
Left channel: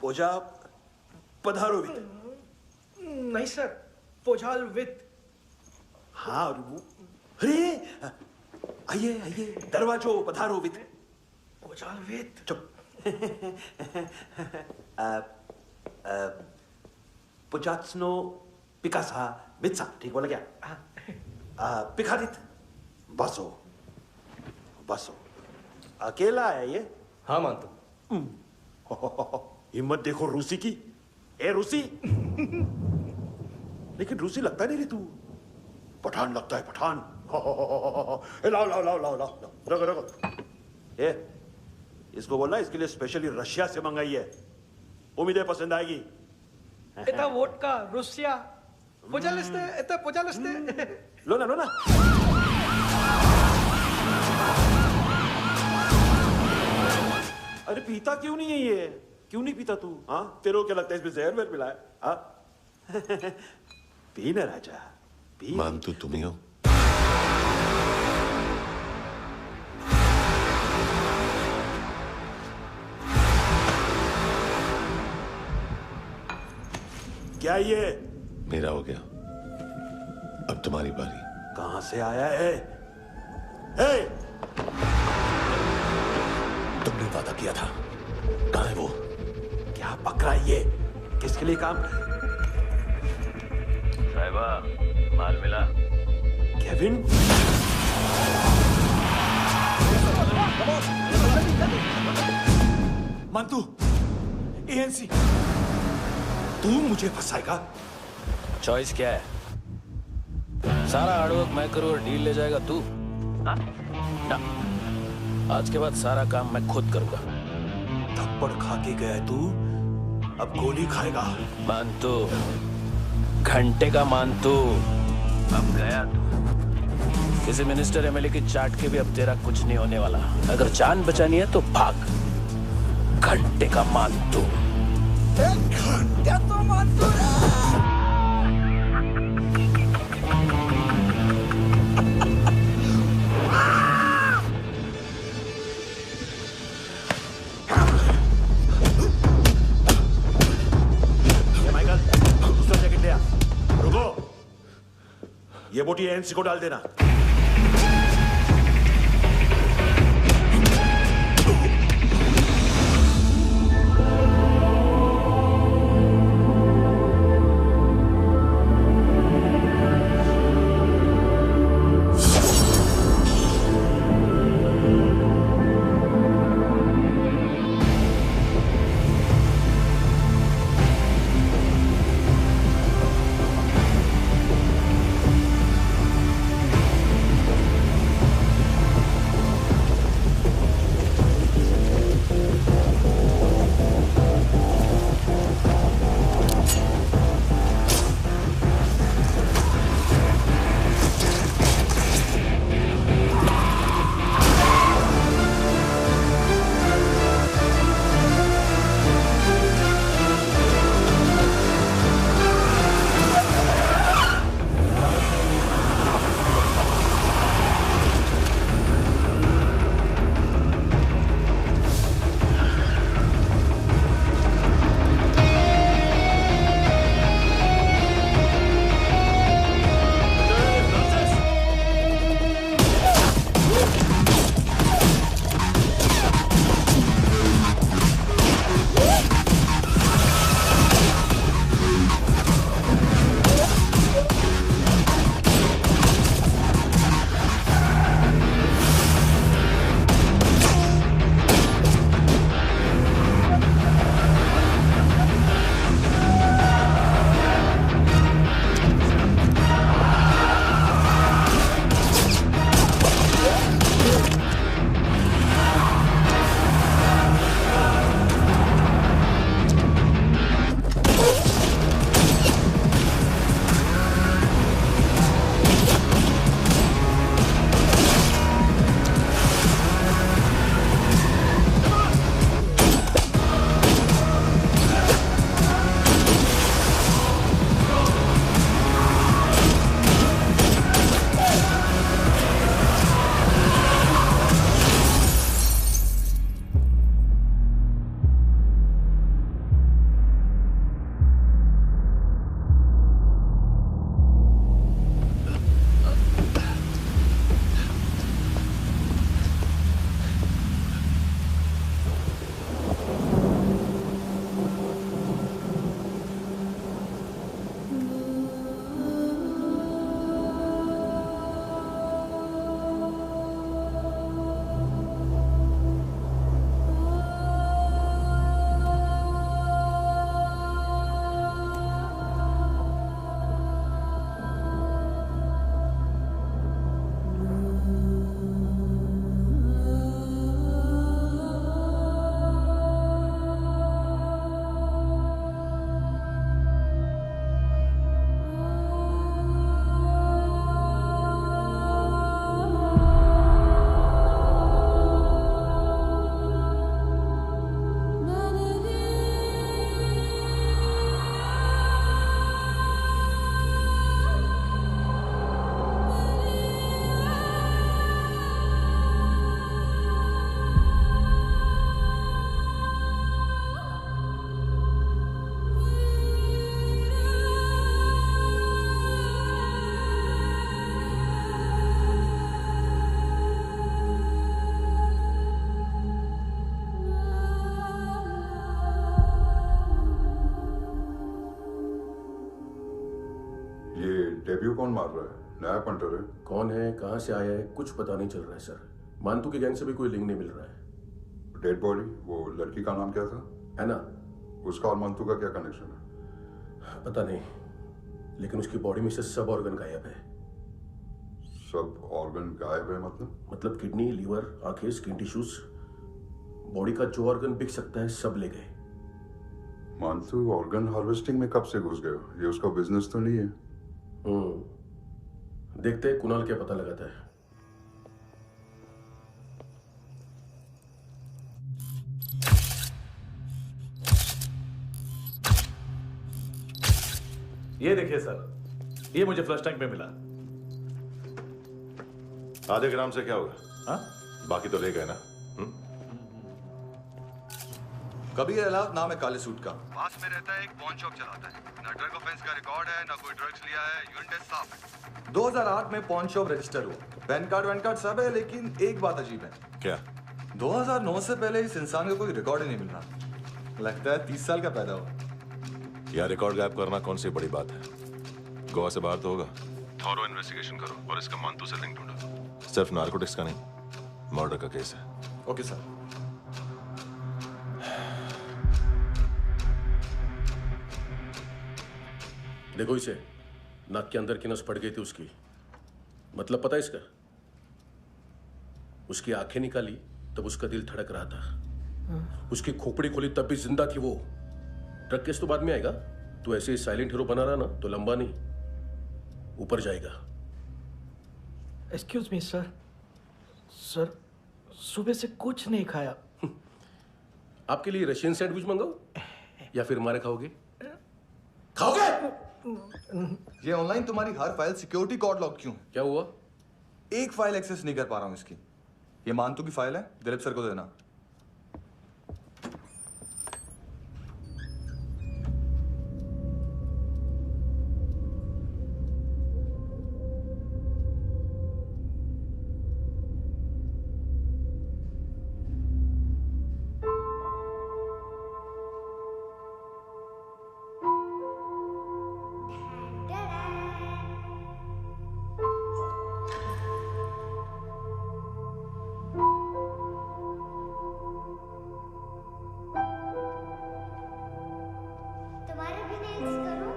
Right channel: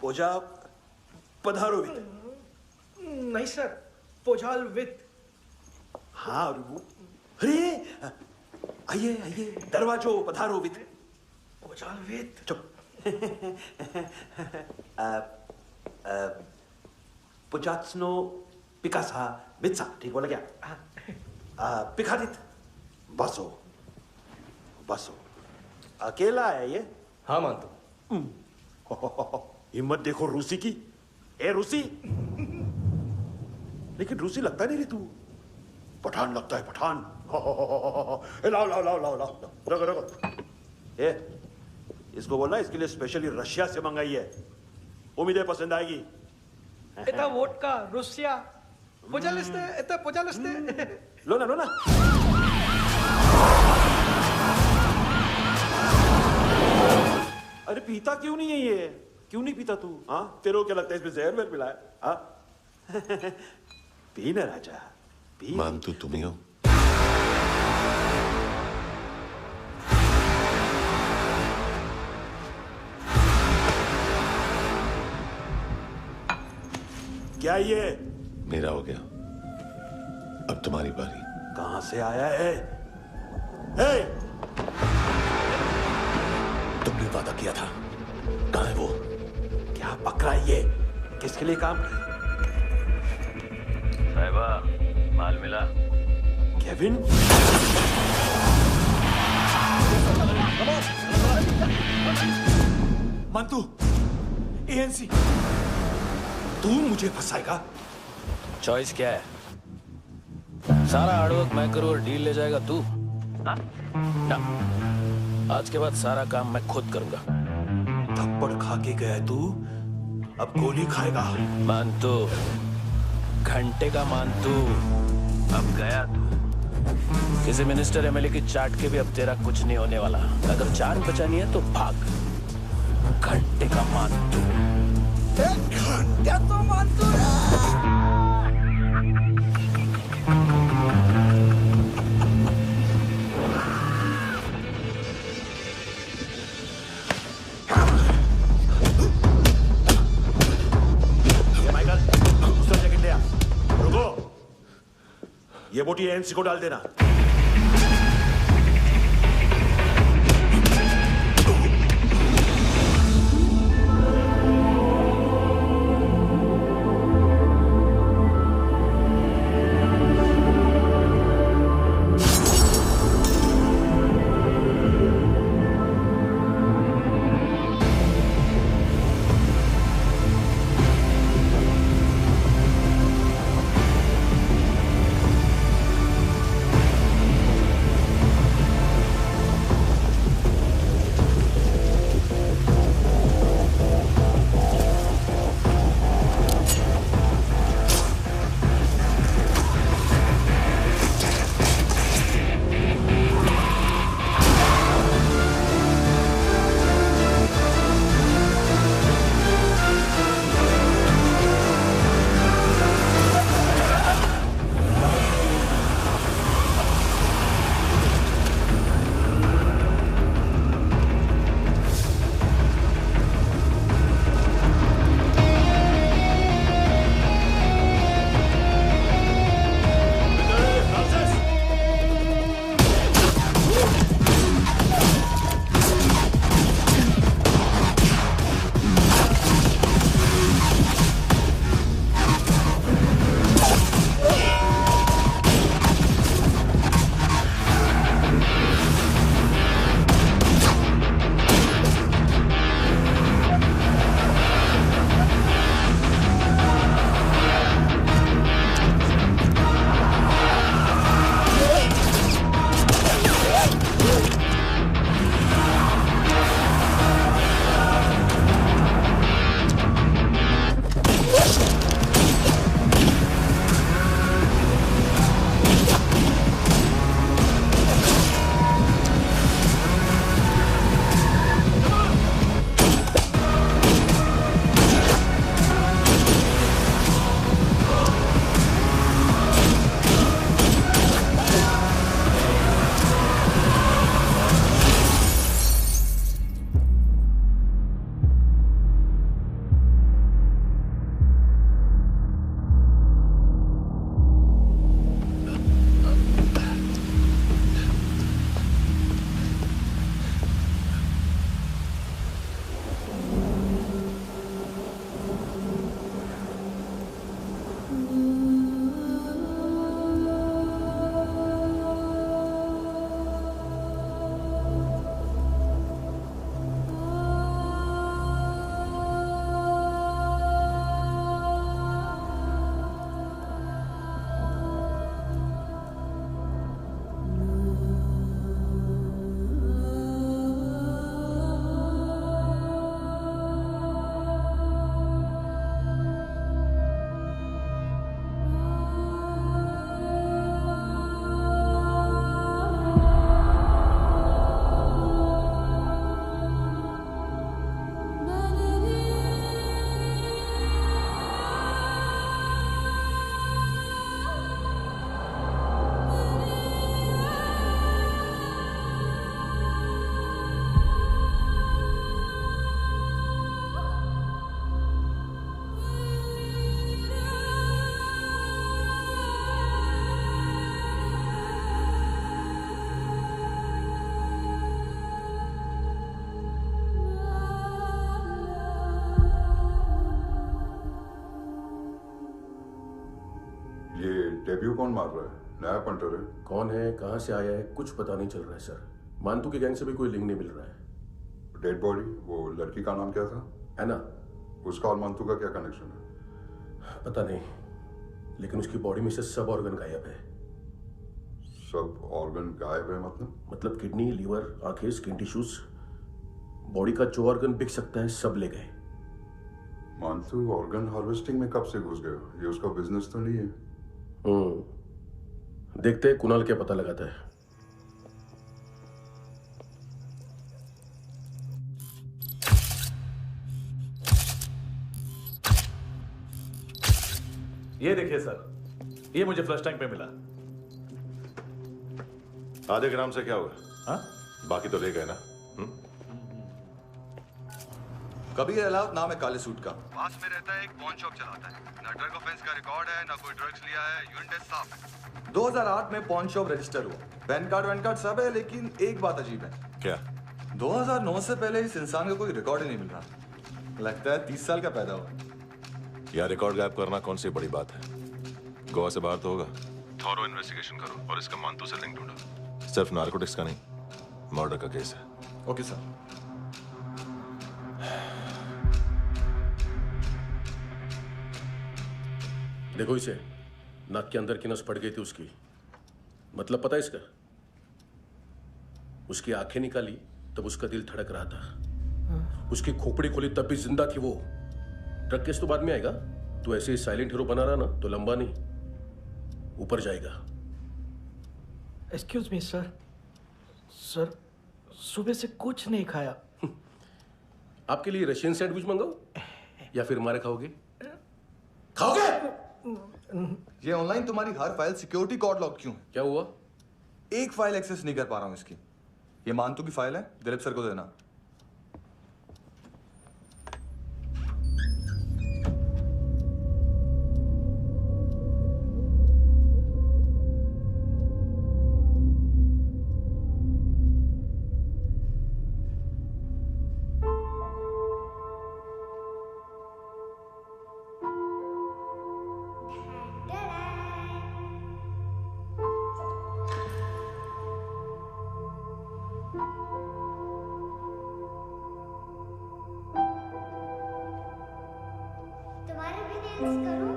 पोजा पधारोवित। नहीं सर, पोजालवित। हाँ अरे आइए आइए, दरवाजो पधारोवित। पोजालवित। चुप। पुचात्सनो पिकासा मित्सा, ठीक बोला क्या? पिखादित बसो बसो। अकेला है ये? हाँ मानतो। हिम्मत देखो रूसी की। ए रूसी। लेकिन रूसी लगता नहीं रे तू, पठान लगता है पठान। लाओ लाओ लाओ लाओ लाओ, रखो रखो। ए इसको बोलना इसके लिए स्पेशली रशिया से मंगाई है, उम्मीद है पसंद आएगी। इतना वोडका रुसिया पोजालिस्ते, इतना पोजालिस्ते। लो ना लो ना। अरे पीता क्यों नहीं है ये? क्यों नहीं पीता तू? हाँ तेरे को क्या लगता है इसमें जहर वेर मिला है? हाँ पी ना राजा पी। मानतू तुम ही हो? क्या ये? मेरा हो गया, अब तुम्हारी बारी। कहां से आया है? हे! तुमने वादा किया था, कहां है वो? क्या पकड़ा ये? किसके लिए काम? साहिबा माल मिला? केविन? मंतू, एएनसी। तू मुझे फंसाएगा? चॉइस क्या है? सारा हार्डवर्क मैं करूं और डील ले जाएगा तू? ना, आज के बाद सारा काम मैं खुद करूंगा। थप्पड़ खा के गया तू, अब गोली खाएगा। मानतू, घंटे का मानतू, अब गया तू। किसी मिनिस्टर एमएलए की चाट के भी अब तेरा कुछ नहीं होने वाला। अगर जान बचानी है तो भाग। घंटे का मानतू। घंटा तो मानतू दूसरा जैकेट ले आ। रुको, ये बोटी एएनसी को डाल देना। ये डेब्यू कौन मार रहा है? नया पंटर है? कौन है, कहाँ से आया है, कुछ पता नहीं चल रहा है सर। मानतू के गैंग से भी कोई लिंक नहीं मिल रहा है। डेड बॉडी, वो लड़की का नाम क्या था? हैना। उसका और मानतू का क्या कनेक्शन है? पता नहीं, लेकिन उसकी बॉडी में से सब ऑर्गन गायब है। सब ऑर्गन गायब है मतलब किडनी, लीवर, आंखें, स्किन टिश्यूज, बॉडी का जो ऑर्गन बिक सकता है सब ले गए। मानतू ऑर्गन हार्वेस्टिंग में कब से घुस गए? ये उसका बिजनेस तो नहीं है? देखते हैं कुणाल क्या पता लगाता है। ये देखिए सर, ये मुझे फ्लश टैंक में मिला। आधे ग्राम से क्या होगा? हाँ? बाकी तो ले गए ना? कबीर अलाव नाम है काले सूट का। पास में रहता है, एक पॉन शॉप चलाता है। ना ड्रग ऑफेंस का रिकॉर्ड है, ना कोई ड्रग्स लिया है, यूरिन टेस्ट साफ है। 2008 में पॉन शॉप रजिस्टर हुआ, पैन कार्ड वैन कार्ड सब है, लेकिन एक बात अजीब है। क्या? 2009 से पहले इस इंसान का कोई रिकॉर्ड ही नहीं मिल रहा। लगता है 30 साल का पैदा हुआ। यार रिकॉर्ड गायब करना कौन सी बड़ी बात है? गोवा से बाहर तो होगा। थॉरो इन्वेस्टिगेशन करो और इसका मानतू से लिंक ढूंढो। सिर्फ नारकोटिक्स का नहीं, मर्डर का केस है। Okay sir. देखो इसे, नाक के अंदर की नस पड़ गई थी उसकी। मतलब पता है इसका? उसकी आंखें निकाली तब उसका दिल धड़क रहा था। उसकी खोपड़ी खोली तब भी जिंदा थी वो। ड्रग केस तो बाद में आएगा। तो ऐसे ही साइलेंट हीरो बना रहा ना तो लंबा नहीं, ऊपर जाएगा। Excuse me sir. सर, सुबह से कुछ नहीं खाया। आपके लिए रशियन सैंडविच मंगाओ या फिर हमारे खाओगे? खाओगे? ये ऑनलाइन तुम्हारी हर फाइल सिक्योरिटी कोड लॉक क्यों है? क्या हुआ? एक फाइल एक्सेस नहीं कर पा रहा हूं इसकी। ये मानतू की फाइल है, दिलीप सर को देना। तुम्हारे भी नेल्स करूं?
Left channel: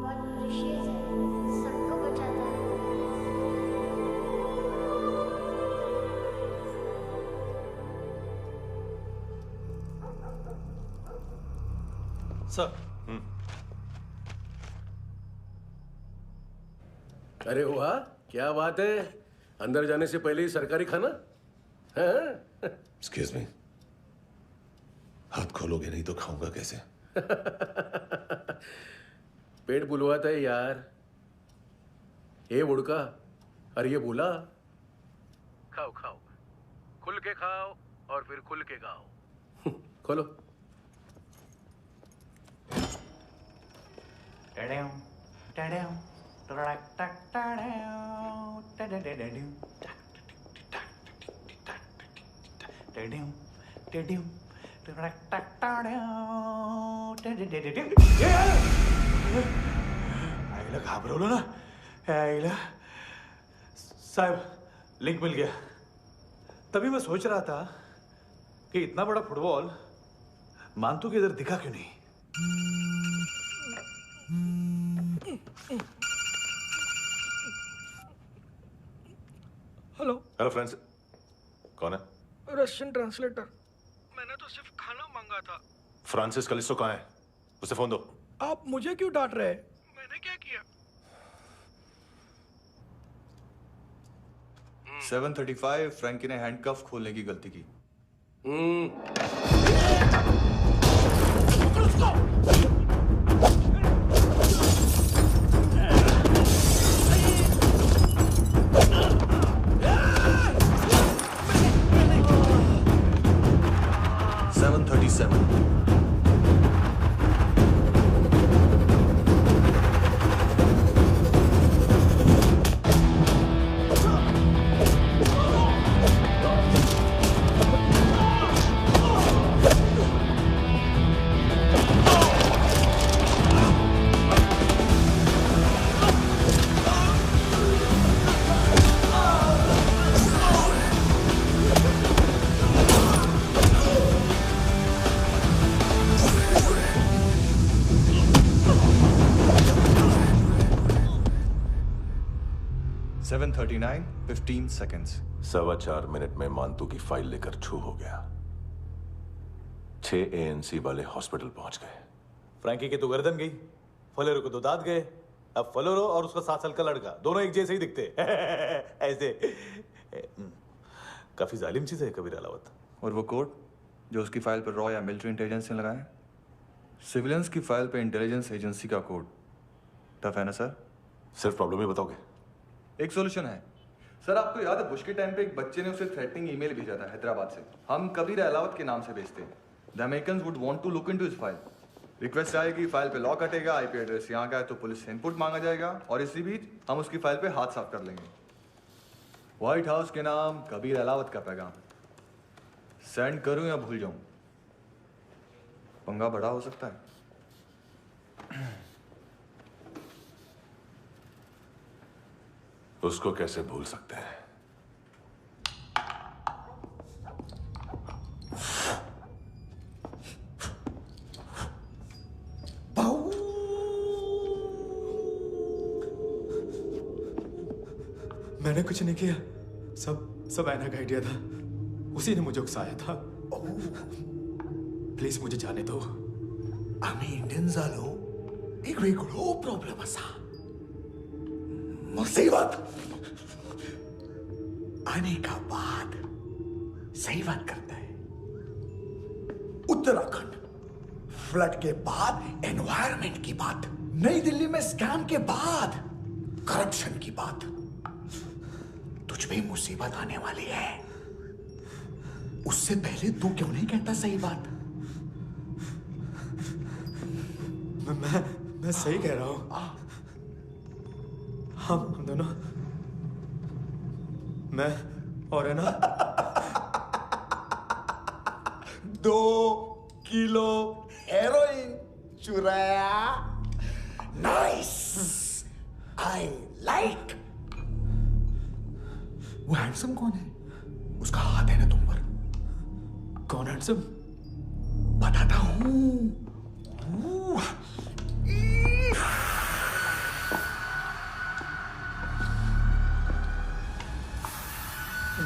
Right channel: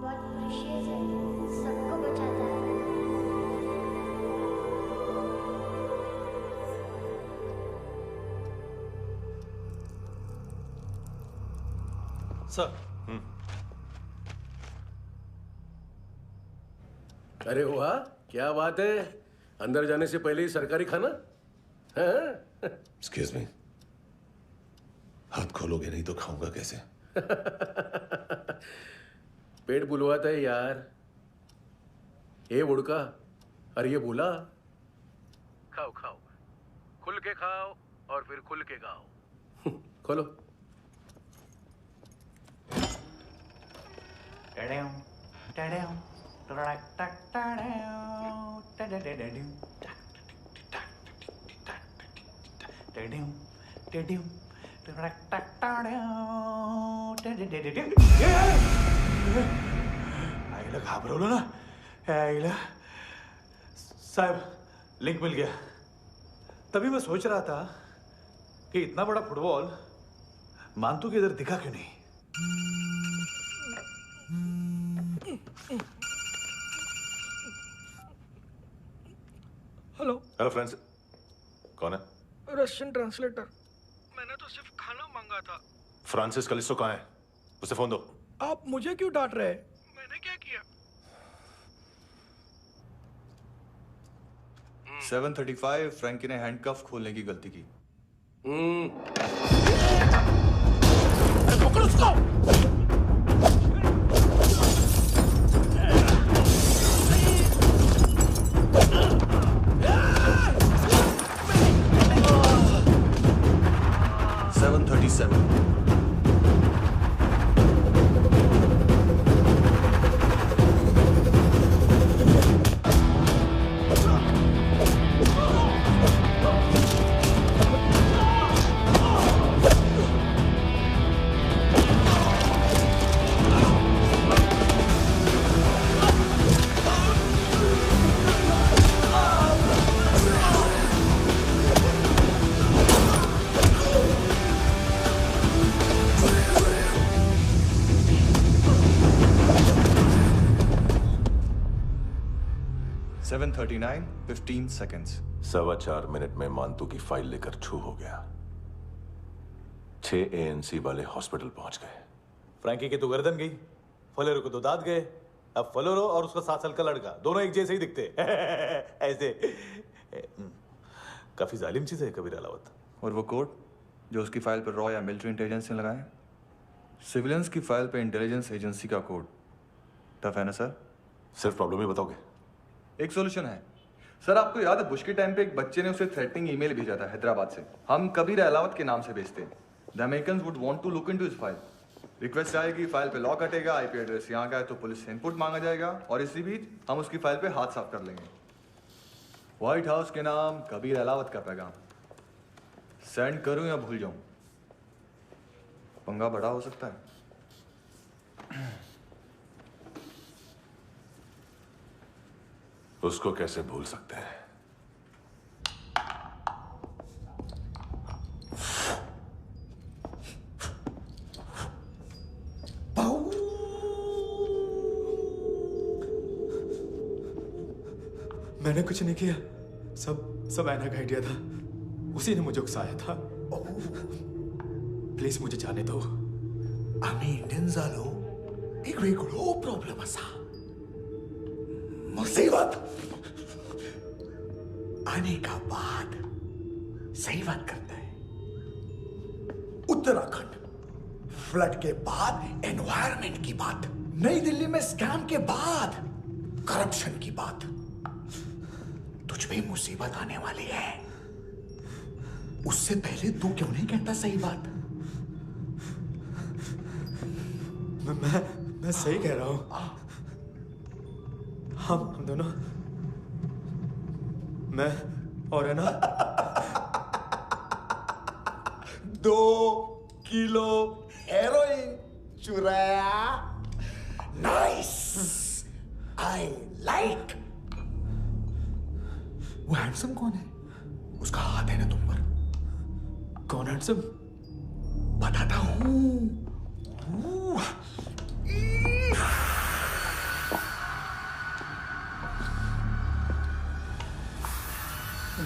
बहुत प्रेशियस है, सबको बचाता है। सर। अरे वाह, क्या बात है। अंदर जाने से पहले ही सरकारी खाना। एक्सक्यूज मी, हाथ खोलोगे नहीं तो खाऊंगा कैसे? पेट बुलवाता है यार। ये बुड़का, अरे ये बोला। खाओ खाओ, खुल के खाओ और फिर खुल के गाओ। खोलो। आईला घाबरवलं ना? आईला साहब, लिंक मिल गया। तभी मैं सोच रहा था कि इतना बड़ा फुटबॉल मानतू के इधर दिखा क्यों नहीं? हेलो फ्रेंड्स, कौन है? Russian translator. मैंने तो सिर्फ खाना मांगा था। फ्रांसिस कलिस्टो कहाँ है? उसे फोन दो। आप मुझे क्यों डांट रहे हैं? मैंने क्या किया? 735 फ्रैंकी ने हैंडकफ खोलने की गलती की। पकड़ो उसको। 737 737 7:39, 15 seconds. 4.25 मिनट में मांतू की फाइल लेकर छू हो गया। 6 ANC वाले हॉस्पिटल पहुंच गए। फ्रैंकी की तो गर्दन गई, फलेरो को तो दांत गए। अब फलेरो और उसका 7 साल का लड़का दोनों एक जैसे ही दिखते ऐसे। काफी जालिम चीज है कबीर अलावत। और वो कोड जो उसकी फाइल पर रॉ या मिलिट्री इंटेलिजेंस ने लगाए, सिविलियंस की फाइल पे इंटेलिजेंस एजेंसी का कोड। टफ है ना सर? सिर्फ प्रॉब्लम ही बताओगे? एक सॉल्यूशन है सर। आपको याद है बुश के टाइम पे एक बच्चे ने उसे थ्रेटनिंग ईमेल भेजा था हैदराबाद से। हम कबीर अलावत के नाम से भेजते हैं। The Americans would want to look into his file. Request आएगी, फाइल पे लॉक हटेगा, आईपी एड्रेस यहाँ का है तो पुलिस से इनपुट मांगा जाएगा और इसी बीच हम उसकी फाइल पे हाथ साफ कर लेंगे। व्हाइट हाउस के नाम कबीर अलावत का पैगाम। सेंड करूं या भूल जाऊं? पंगा बड़ा हो सकता है। उसको कैसे भूल सकते हैं? मैंने कुछ नहीं किया, सब ऐना का आइडिया था। उसी ने मुझे उकसाया था। प्लीज मुझे जाने दो। आम्ही इंडियन झालो एक वेगळो प्रॉब्लेम असा। मुसीबत आने का बाद सही बात करता है। उत्तराखंड फ्लड के बाद एनवायरनमेंट की बात, नई दिल्ली में स्कैम के बाद करप्शन की बात। तुझ पे मुसीबत आने वाली है, उससे पहले तू क्यों नहीं कहता सही बात? मैं सही कह रहा हूं। हम दोनों, मैं और है ना 2 किलो हेरोइन चुराया। Nice, I like. वो हैंडसम कौन है? उसका हाथ है ना तुम पर? कौन हैंडसम? बताता हूं।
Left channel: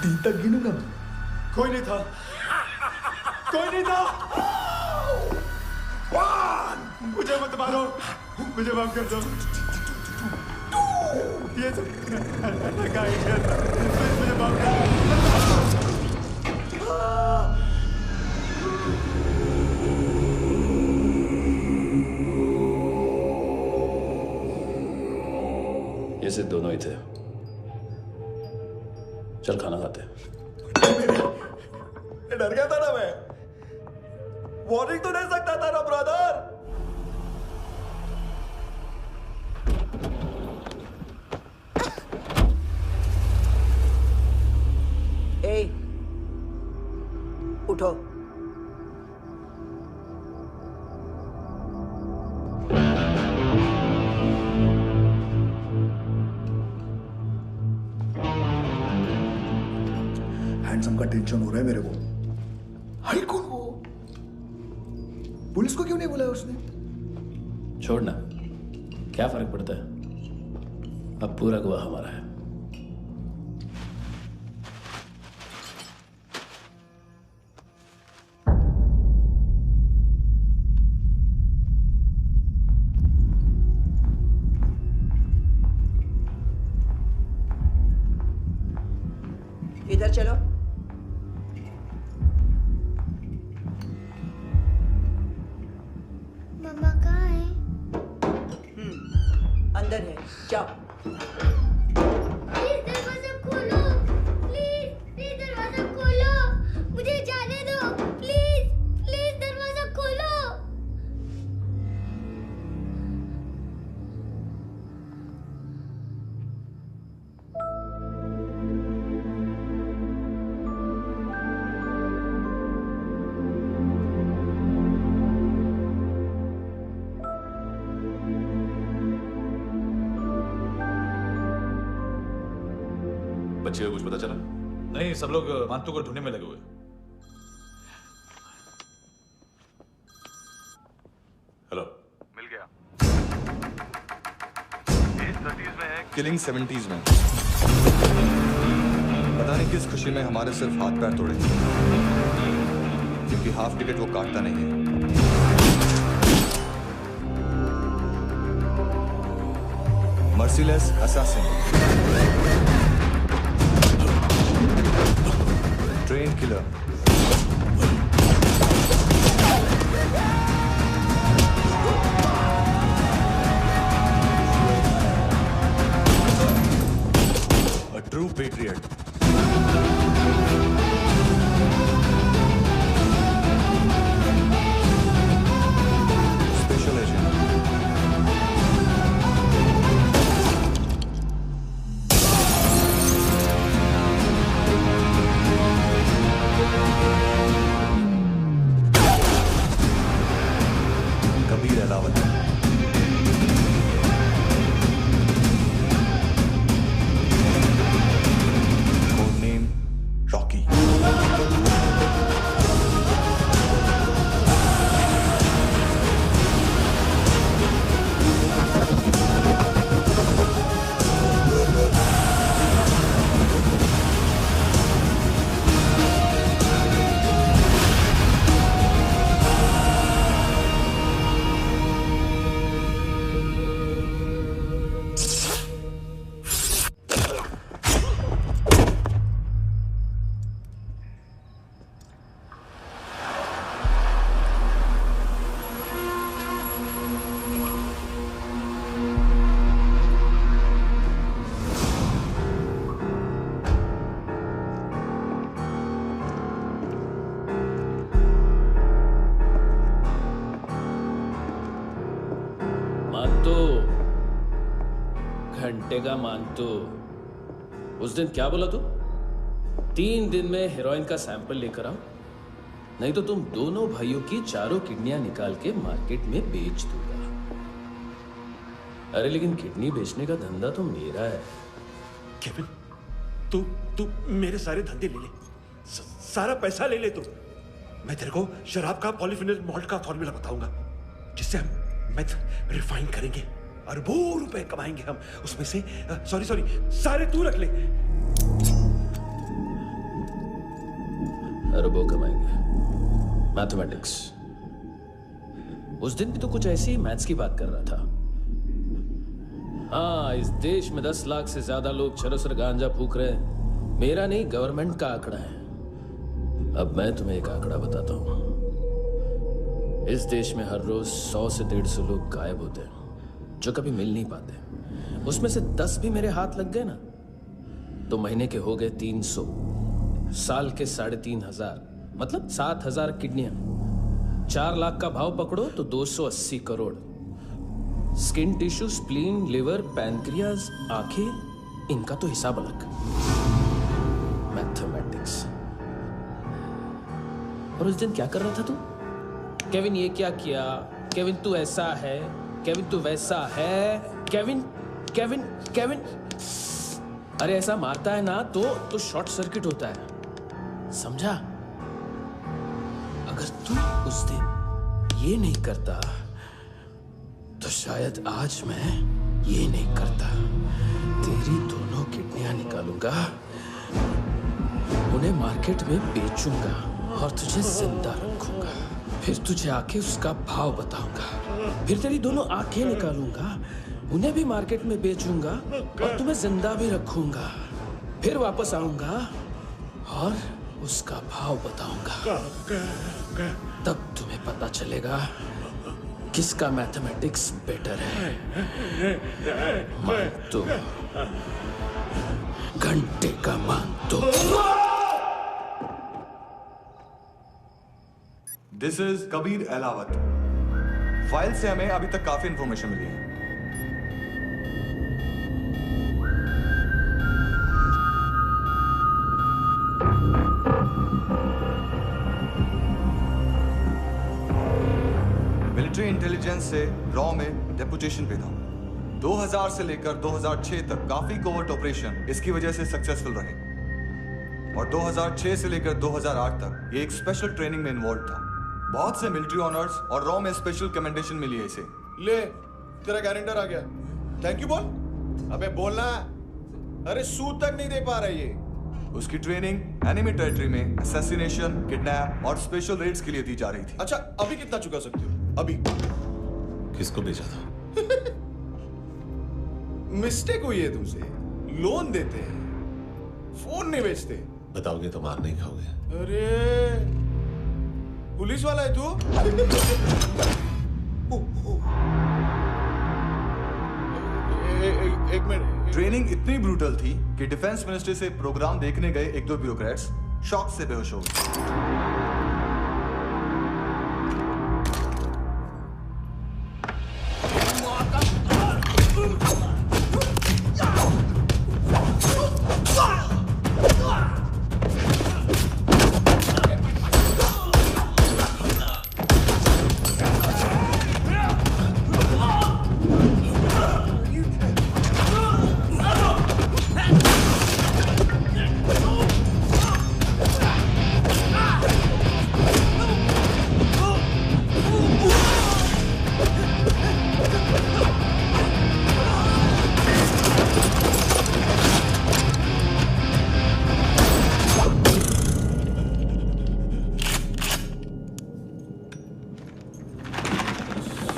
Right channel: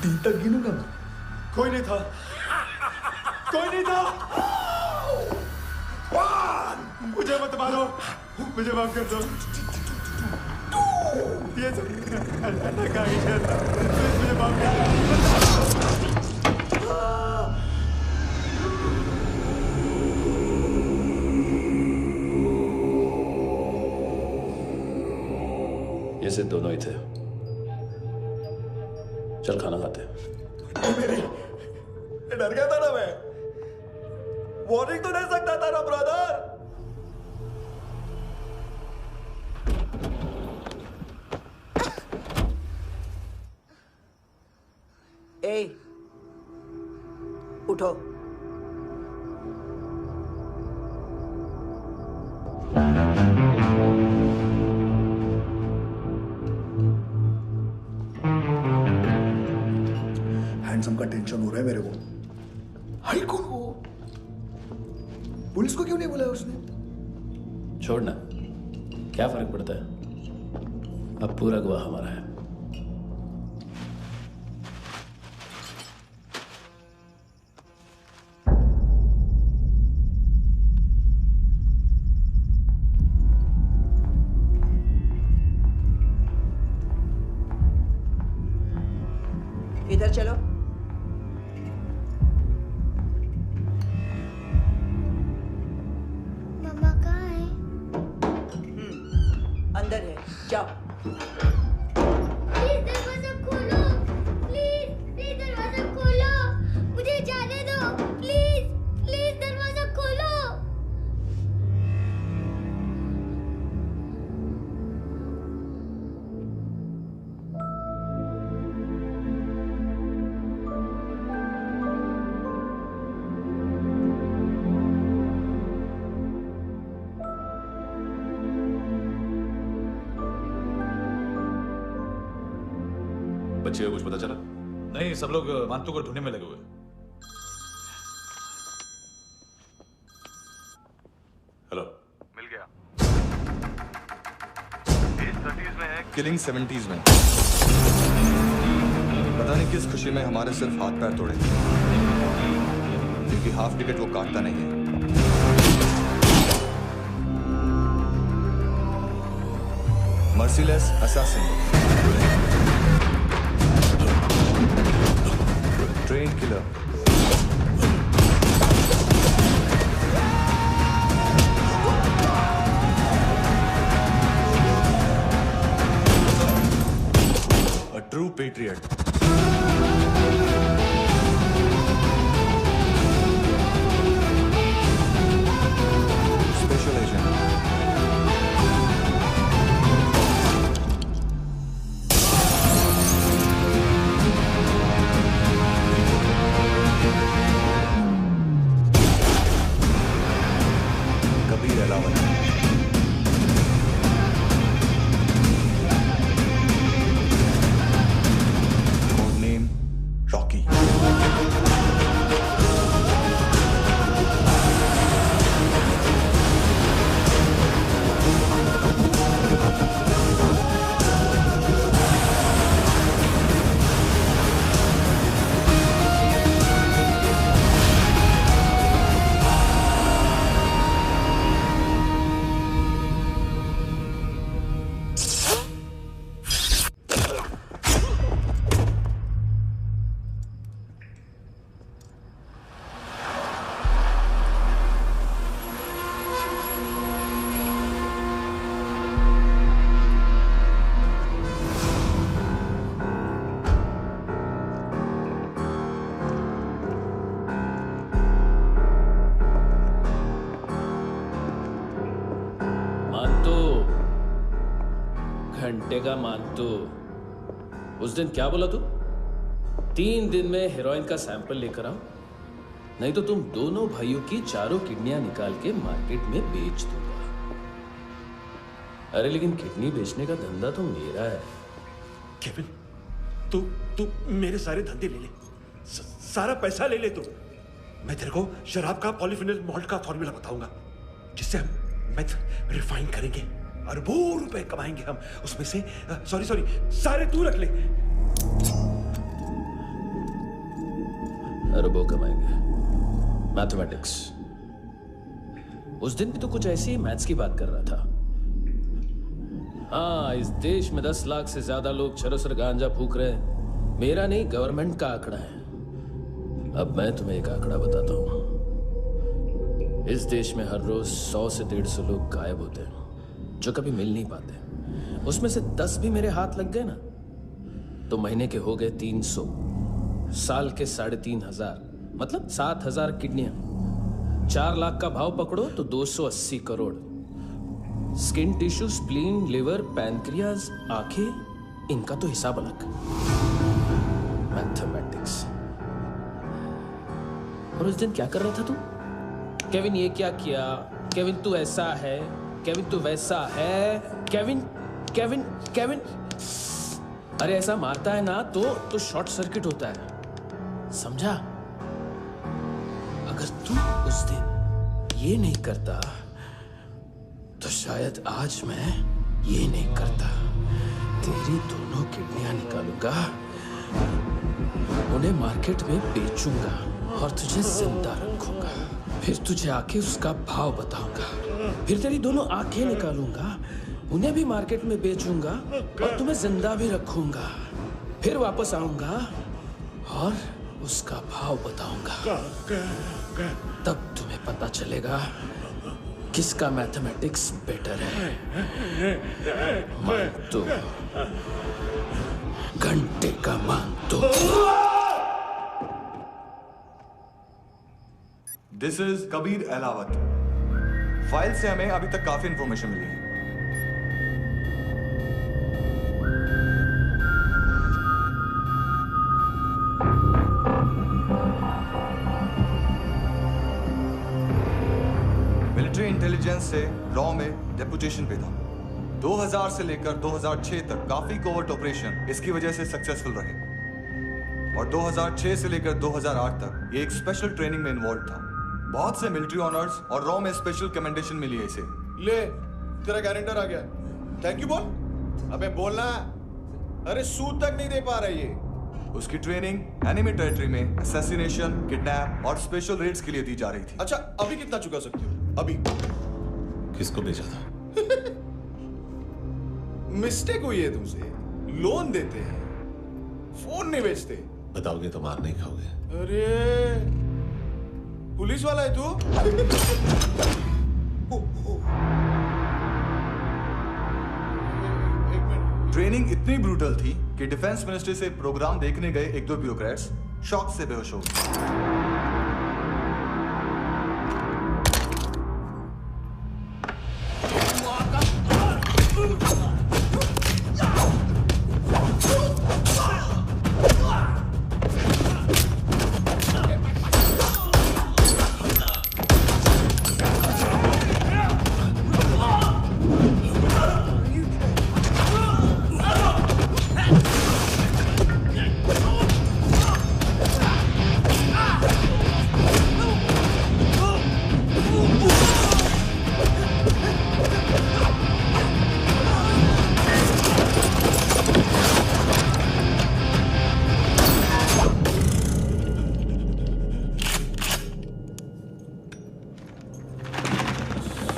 दिन तक गिनूंगा मैं। कोई नहीं था, कोई नहीं था। मुझे मत मारो, मुझे माफ कर दो। ये सब का आइडिया था। प्लीज मुझे माफ कर दो। ये सिर्फ दोनों ही थे। चल खाना खाते हैं। डर गया था ना मैं। वार्निंग तो दे सकता था ना ब्रदर। ए, उठो। हैंडसम का टेंशन हो रहा है मेरे को। हाई कौन वो? पुलिस को क्यों नहीं बुलाया उसने? छोड़ना, क्या फर्क पड़ता है? अब पूरा गवाह हमारा है। इधर चलो। मम्मा कहाँ है? अंदर है, जाओ। प्लीज दरवाजा खोलो, प्लीज दरवाजा खोलो, मुझे जाने दो। प्लीज दरवाजा खोलो। बच्चे को कुछ पता चला? नहीं, सब लोग मांतू को ढूंढने में लगे हुए। हेलो, मिल गया। एज 30s में है, किलिंग 70s में। पता नहीं किस खुशी में हमारे सिर्फ हाथ पैर तोड़े, क्योंकि हाफ टिकट वो काटता नहीं है। Merciless assassin, train killer, a true patriot. Special agent. Kabir Ahlawat. Code name Rocky. घंटे का मानतू, उस दिन क्या बोला तू? 3 दिन में हेरोइन का सैंपल लेकर आओ, नहीं तो तुम दोनों भाइयों की चारों किडनियां निकाल के मार्केट में बेच दूंगा। अरे लेकिन किडनी बेचने का धंधा तो मेरा है। केविन, तू मेरे सारे धंधे ले ले, सारा पैसा ले ले तू। मैं तेरे को शराब का पॉलीफिनल मॉल्ट का फॉर्मूला बताऊंगा, जिससे हम मेथ रिफाइन करेंगे, अरबों रुपए कमाएंगे हम उसमें से। सॉरी सारे तू रख ले। अरबों कमाएंगे, मैथमेटिक्स। उस दिन भी तो कुछ ऐसी मैथ्स की बात कर रहा था। हाँ, इस देश में 10 लाख से ज्यादा लोग चरस और गांजा फूक रहे हैं। मेरा नहीं, गवर्नमेंट का आंकड़ा है। अब मैं तुम्हें एक आंकड़ा बताता हूं। इस देश में हर रोज 100 से 150 लोग गायब होते हैं, जो कभी मिल नहीं पाते। उसमें से 10 भी मेरे हाथ लग गए ना, तो महीने के हो गए 300, साल के 3,500, मतलब 7,000 किडनियां। 4 लाख का भाव पकड़ो तो 280 crore. Skin tissue, spleen, liver, pancreas, आंखें, इनका तो हिसाब अलग। मैथमेटिक्स। और उस दिन क्या कर रहा था तू? केविन ये क्या किया, केविन तू ऐसा है, केविन तू वैसा है, केविन केविन केविन। अरे ऐसा मारता है ना तो शॉर्ट सर्किट होता है, समझा? अगर तू उस दिन ये नहीं करता तो शायद आज मैं ये नहीं करता। तेरी दोनों किडनियां निकालूंगा, उन्हें मार्केट में बेचूंगा और तुझे जिंदा रखूंगा। फिर तुझे आके उसका भाव बताऊंगा। फिर तेरी दोनों आंखें निकालूंगा, उन्हें भी मार्केट में बेचूंगा और तुम्हें जिंदा भी रखूंगा। फिर वापस आऊंगा और उसका भाव बताऊंगा। तब तुम्हें पता चलेगा किसका मैथमेटिक्स बेटर है। मानतो, घंटे का मानतो। This is Kabir Ahlawat. File से हमें अभी तक काफी इंफॉर्मेशन मिली है। मिलिट्री इंटेलिजेंस से रॉ में डेपुटेशन पे था। 2000 से लेकर 2006 तक काफी कोवर्ट ऑपरेशन इसकी वजह से सक्सेसफुल रहे, और 2006 से लेकर 2008 तक ये एक स्पेशल ट्रेनिंग में इन्वॉल्व था। बहुत से मिलिट्री ऑनर्स और रॉ में स्पेशल कमेंडेशन मिली है इसे। ले, तेरा गारंटर आ गया। थैंक यू बोल। अबे बोलना। अरे सूद तक नहीं दे पा रहा ये। उसकी ट्रेनिंग एनिमी टेरिटरी में असैसिनेशन, किडनैप और स्पेशल रेड्स के लिए दी जा रही थी। अच्छा, अभी कितना चुका सकते हो? अभी किसको भेजा था? मिस्टेक हुई है तुमसे। लोन देते हैं, फोन नहीं बेचते। बताओगे तो मार नहीं खाओगे। अरे पुलिस वाला है तू? एक मिनट। ट्रेनिंग इतनी ब्रूटल थी कि डिफेंस मिनिस्ट्री से प्रोग्राम देखने गए एक दो ब्यूरोक्रेट्स शॉक से बेहोश हो गए।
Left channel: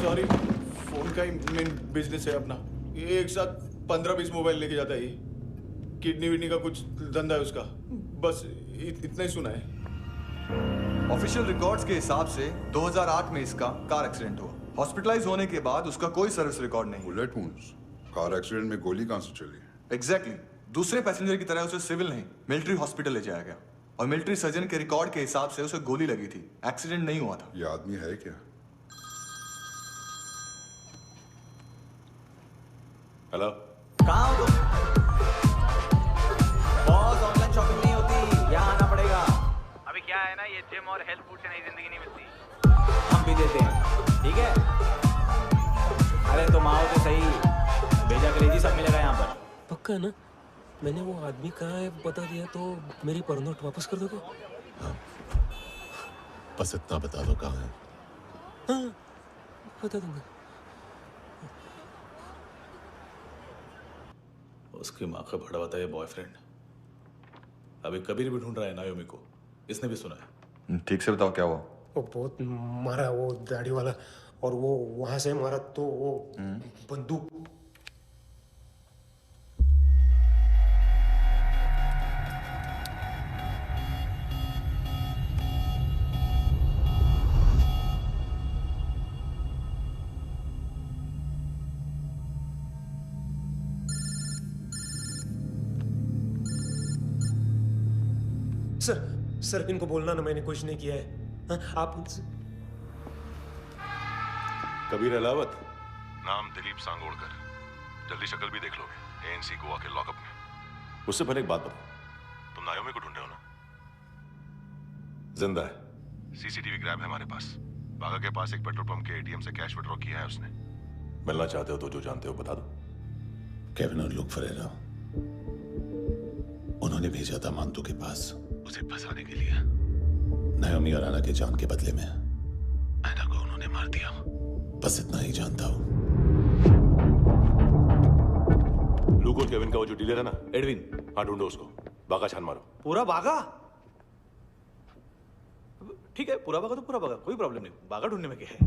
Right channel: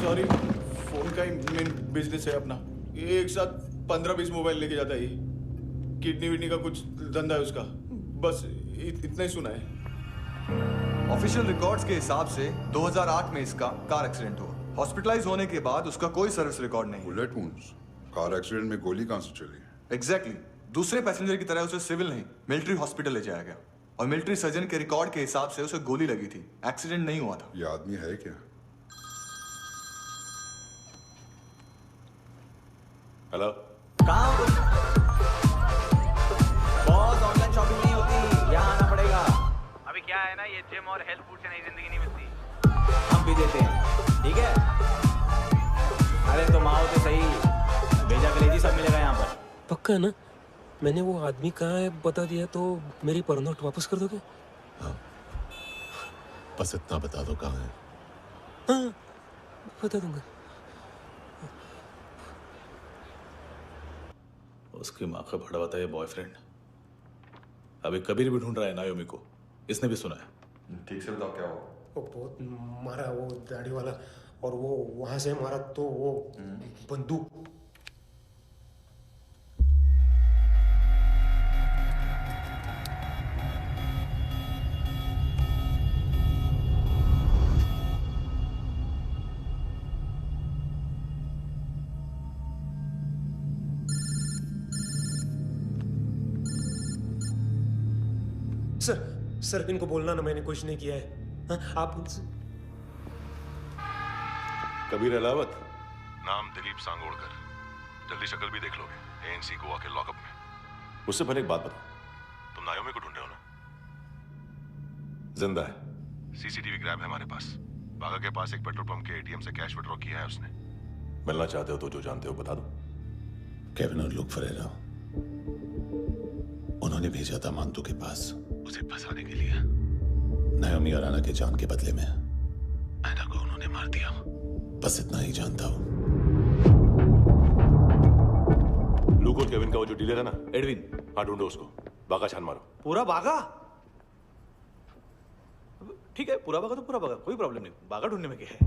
सॉरी, फोन का ही मेन बिजनेस है अपना। एक साथ 15-20 मोबाइल लेके जाता है ये। किडनी विडनी का कुछ धंधा है उसका। बस इतना ही सुना है। ऑफिशियल रिकॉर्ड्स के हिसाब से 2008 में इसका कार एक्सीडेंट हुआ। हॉस्पिटलाइज होने के बाद उसका कोई सर्विस रिकॉर्ड नहीं। Bullet wounds. कार एक्सीडेंट में गोली कहां से चली? एग्जैक्टली। दूसरे पैसेंजर की तरह उसे सिविल नहीं, मिलिट्री हॉस्पिटल ले जाया गया और मिलिट्री सर्जन के रिकॉर्ड के हिसाब से उसे गोली लगी थी। एक्सीडेंट नहीं हुआ था। ये आदमी है क्या? हेलो, कहाँ हो तुम? बॉस, ऑनलाइन शॉपिंग नहीं होती, यहाँ आना पड़ेगा। अभी क्या है ना, ये जिम और हेल्थ फूड से नई जिंदगी नहीं मिलती। हम भी देते हैं, ठीक है? अरे तुम आओ तो सही, भेजा कलेजी सब मिलेगा यहाँ पर। पक्का ना? मैंने वो आदमी कहाँ है बता दिया तो मेरी पर नोट वापस कर दोगे? हाँ, बस इतना बता दो कहाँ है। हाँ, बता दूंगा। उसकी माँ का भड़ा बताया बॉयफ्रेंड अभी कबीर भी ढूंढ रहा है नायोमी को। इसने भी सुना है। ठीक से बताओ क्या हुआ? वो बहुत मारा, वो दाढ़ी वाला, और वो वहां से मारा तो वो बंदूक। सर इनको बोलना ना मैंने कुछ नहीं किया है। हाँ, आप उनसे। कबीर अलावत, नाम दिलीप सांगोड़कर। जल्दी शक्ल भी देख लोगे एएनसी गोवा के लॉकअप में। उससे पहले एक बात बताओ, तुम नायोमी को ढूंढ रहे हो ना? जिंदा है। सीसीटीवी ग्रैब है हमारे पास। बागा के पास एक पेट्रोल पंप के एटीएम से कैश विड्रॉ किया है उसने। मिलना चाहते हो तो जो जानते हो बता दो। केविन और लुक फरेरा, उन्होंने भेजा था मांतू के पास उसे फंसाने के लिए। नायोमी और आना के जान के बदले में आना को उन्होंने मार दिया। बस इतना ही जानता हूं। लुक और केविन का वो जो डीलर है ना, एडविन, हाँ ढूंढो उसको। बागा छान मारो। पूरा बागा? ठीक है, पूरा बागा तो पूरा बागा, कोई प्रॉब्लम नहीं। बागा ढूंढने में क्या है?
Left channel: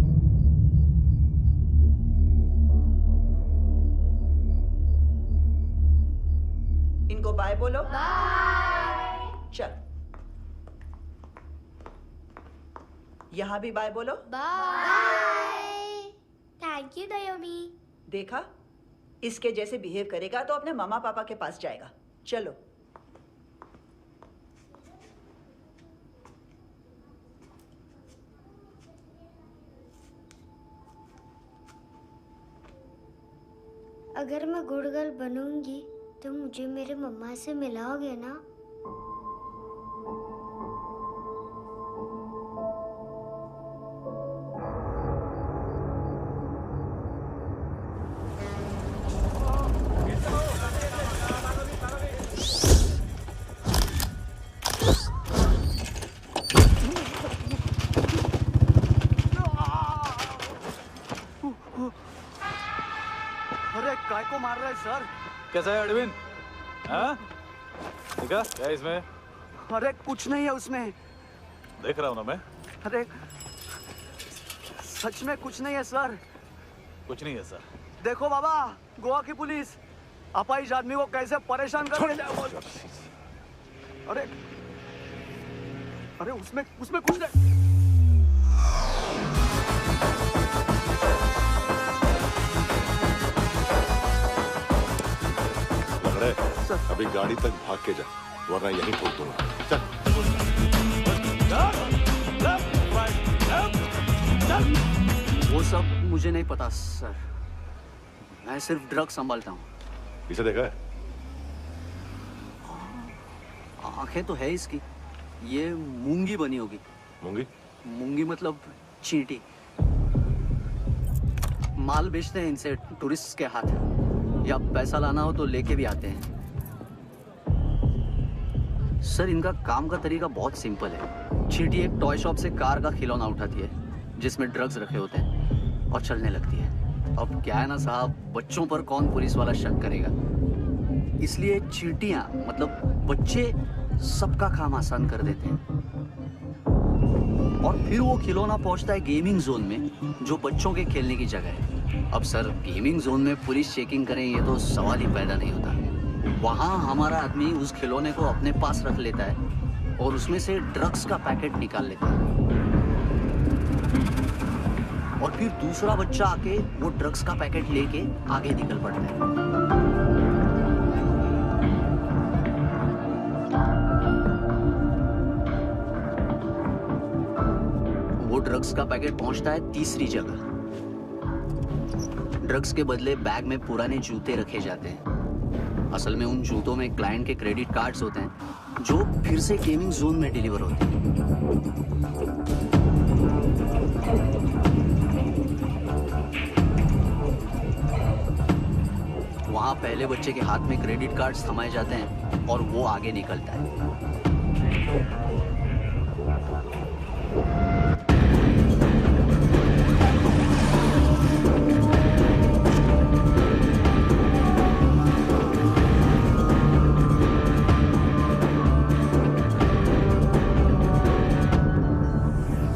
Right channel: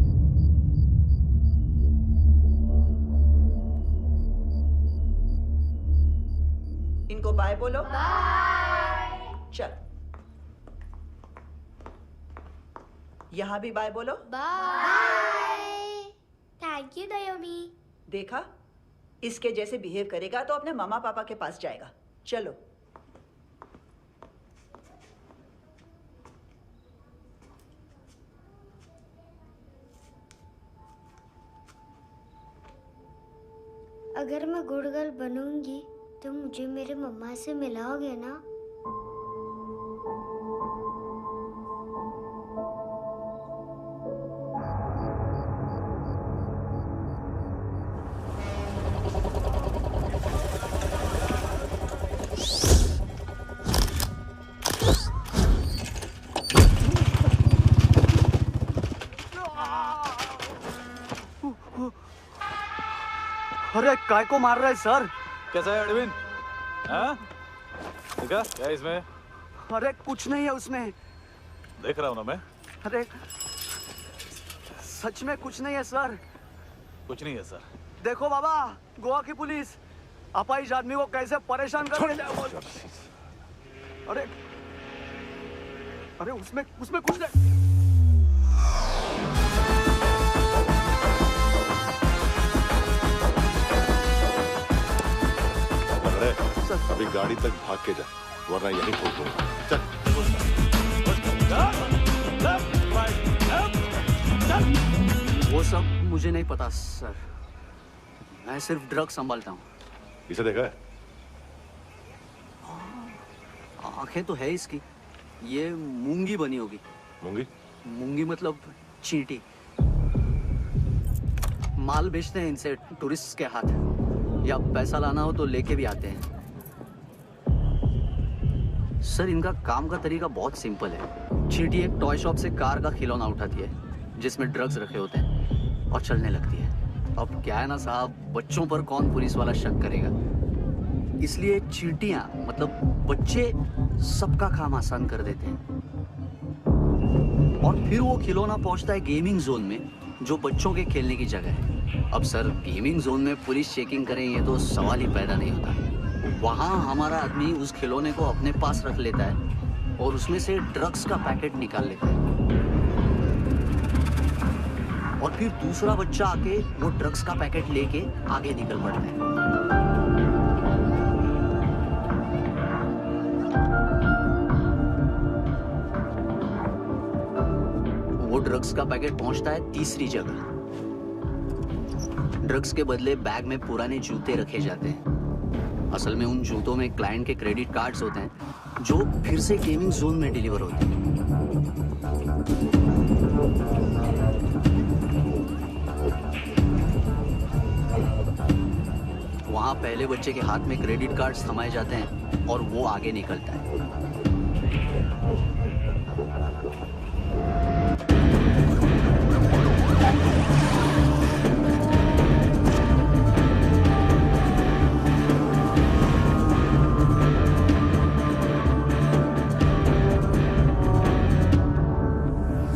इनको बाय बोलो। बाय। चल, यहां भी बाय बोलो। बाय। Thank you नायोमी। देखा, इसके जैसे बिहेव करेगा तो अपने मामा पापा के पास जाएगा। चलो। अगर मैं गुड गर्ल बनूंगी तो मुझे मेरे मम्मा से मिलाओगे ना? अरे काय को मार रहा है सर? कैसा है एडविन? हाँ? देखा क्या है इसमें? अरे कुछ नहीं है उसमें। देख रहा हूँ ना मैं। अरे सच में कुछ नहीं है सर। कुछ नहीं है सर। देखो बाबा, गोवा की पुलिस अपाहिज आदमी को कैसे परेशान कर रही है। अरे अरे उसमें कुछ नहीं। लग अभी गाड़ी तक भाग के जा, वरना यहीं ठोक दूंगा। चल। वो सब मुझे नहीं पता सर, मैं सिर्फ ड्रग संभालता हूँ। इसे देखा है? आंखें तो है इसकी, ये मूंगी बनी होगी। मूंगी? मूंगी मतलब चींटी। माल बेचते हैं इनसे टूरिस्ट के हाथ, या पैसा लाना हो तो लेके भी आते हैं। सर इनका काम का तरीका बहुत सिंपल है। चींटी एक टॉय शॉप से कार का खिलौना उठाती है जिसमें ड्रग्स रखे होते हैं और चलने लगती है। अब क्या है ना साहब, बच्चों पर कौन पुलिस वाला शक करेगा, इसलिए चींटियां मतलब बच्चे सबका काम आसान कर देते हैं। और फिर वो खिलौना पहुंचता है गेमिंग जोन में, जो बच्चों के खेलने की जगह है। अब सर गेमिंग जोन में पुलिस चेकिंग करें ये तो सवाल ही पैदा नहीं होता। वहां हमारा आदमी उस खिलौने को अपने पास रख लेता है और उसमें से ड्रग्स का पैकेट निकाल लेता है, और फिर दूसरा बच्चा आके वो ड्रग्स का पैकेट लेके आगे निकल पड़ता है। वो ड्रग्स का पैकेट पहुंचता है तीसरी जगह। ड्रग्स के बदले बैग में पुराने जूते रखे जाते हैं। असल में उन जूतों में क्लाइंट के क्रेडिट कार्ड्स होते हैं जो फिर से गेमिंग जोन में डिलीवर होते हैं। वहां पहले बच्चे के हाथ में क्रेडिट कार्ड्स थमाए जाते हैं और वो आगे निकलता है।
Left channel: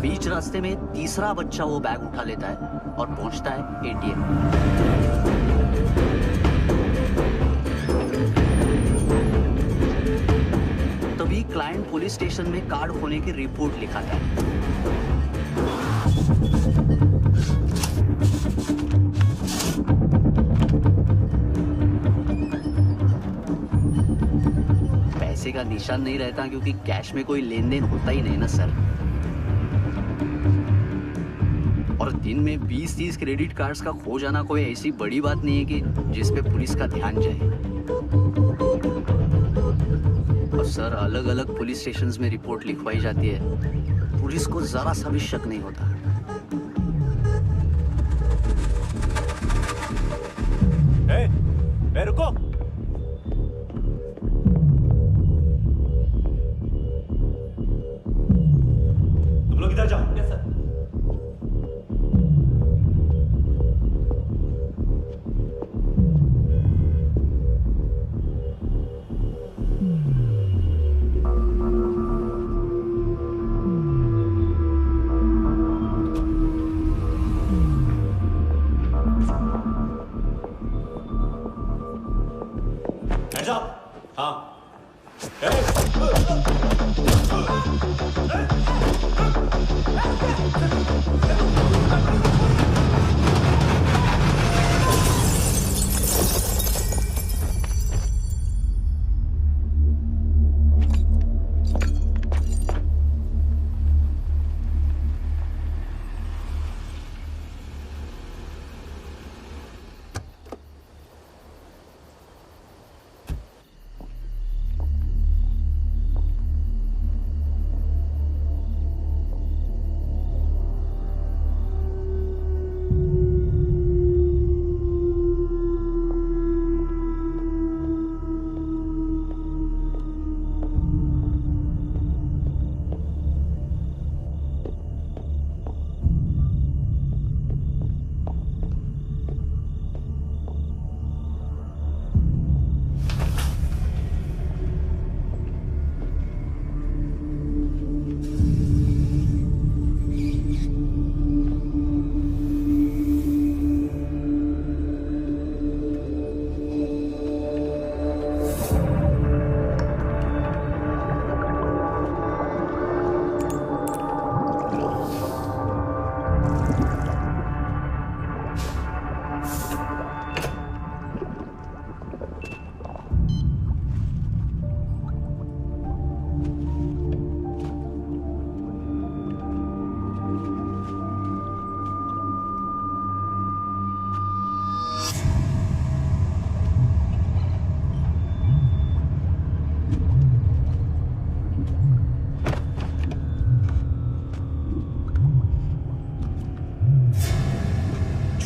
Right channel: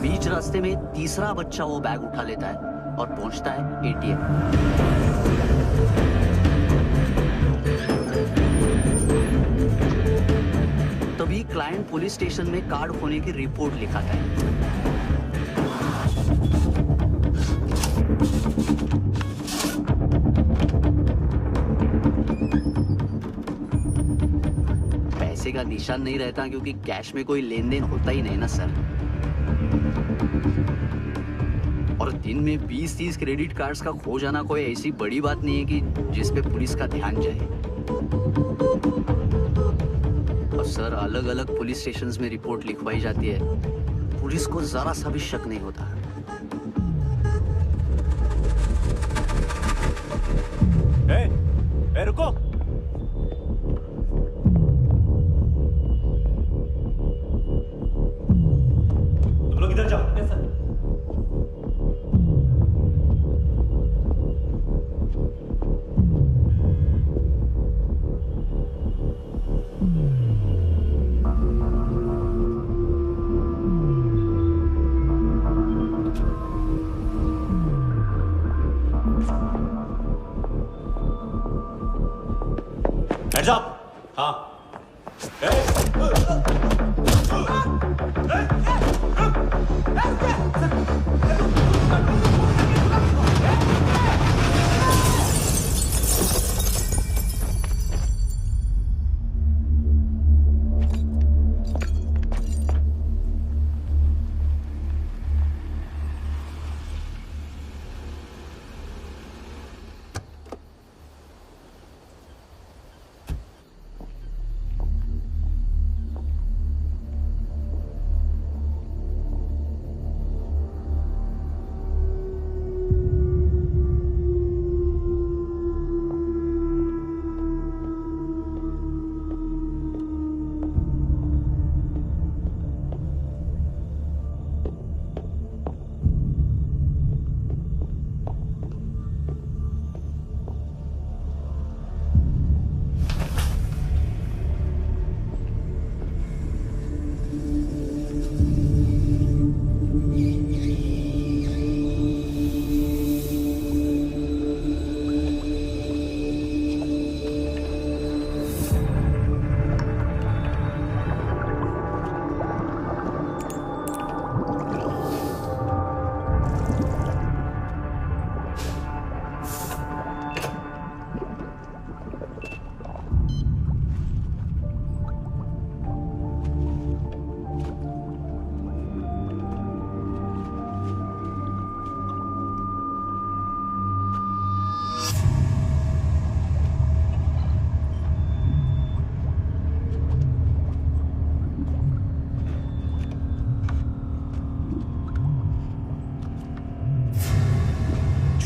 बीच रास्ते में तीसरा बच्चा वो बैग उठा लेता है और पहुंचता है एटीएम। तभी क्लाइंट पुलिस स्टेशन में कार्ड खोने की रिपोर्ट लिखाता है। पैसे का निशान नहीं रहता क्योंकि कैश में कोई लेन देन होता ही नहीं ना सर। और दिन में 20-30 क्रेडिट कार्ड्स का खो जाना कोई ऐसी बड़ी बात नहीं है कि जिस पे पुलिस का ध्यान जाए। और सर अलग अलग पुलिस स्टेशंस में रिपोर्ट लिखवाई जाती है, पुलिस को जरा सा भी शक नहीं होता। ए, रुको। तुम लोग इधर जाओ। Yes sir. Hands up! हाँ।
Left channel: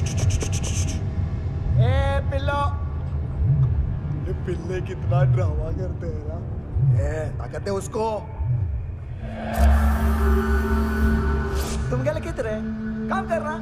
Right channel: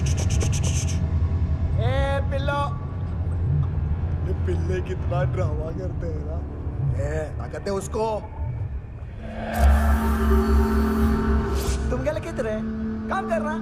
ए पिल्लो, ये पिल्ले कितना ड्रामा करते हैं ना। ए ताकत है उसको। तुम क्या लिखित रहे? काम करना।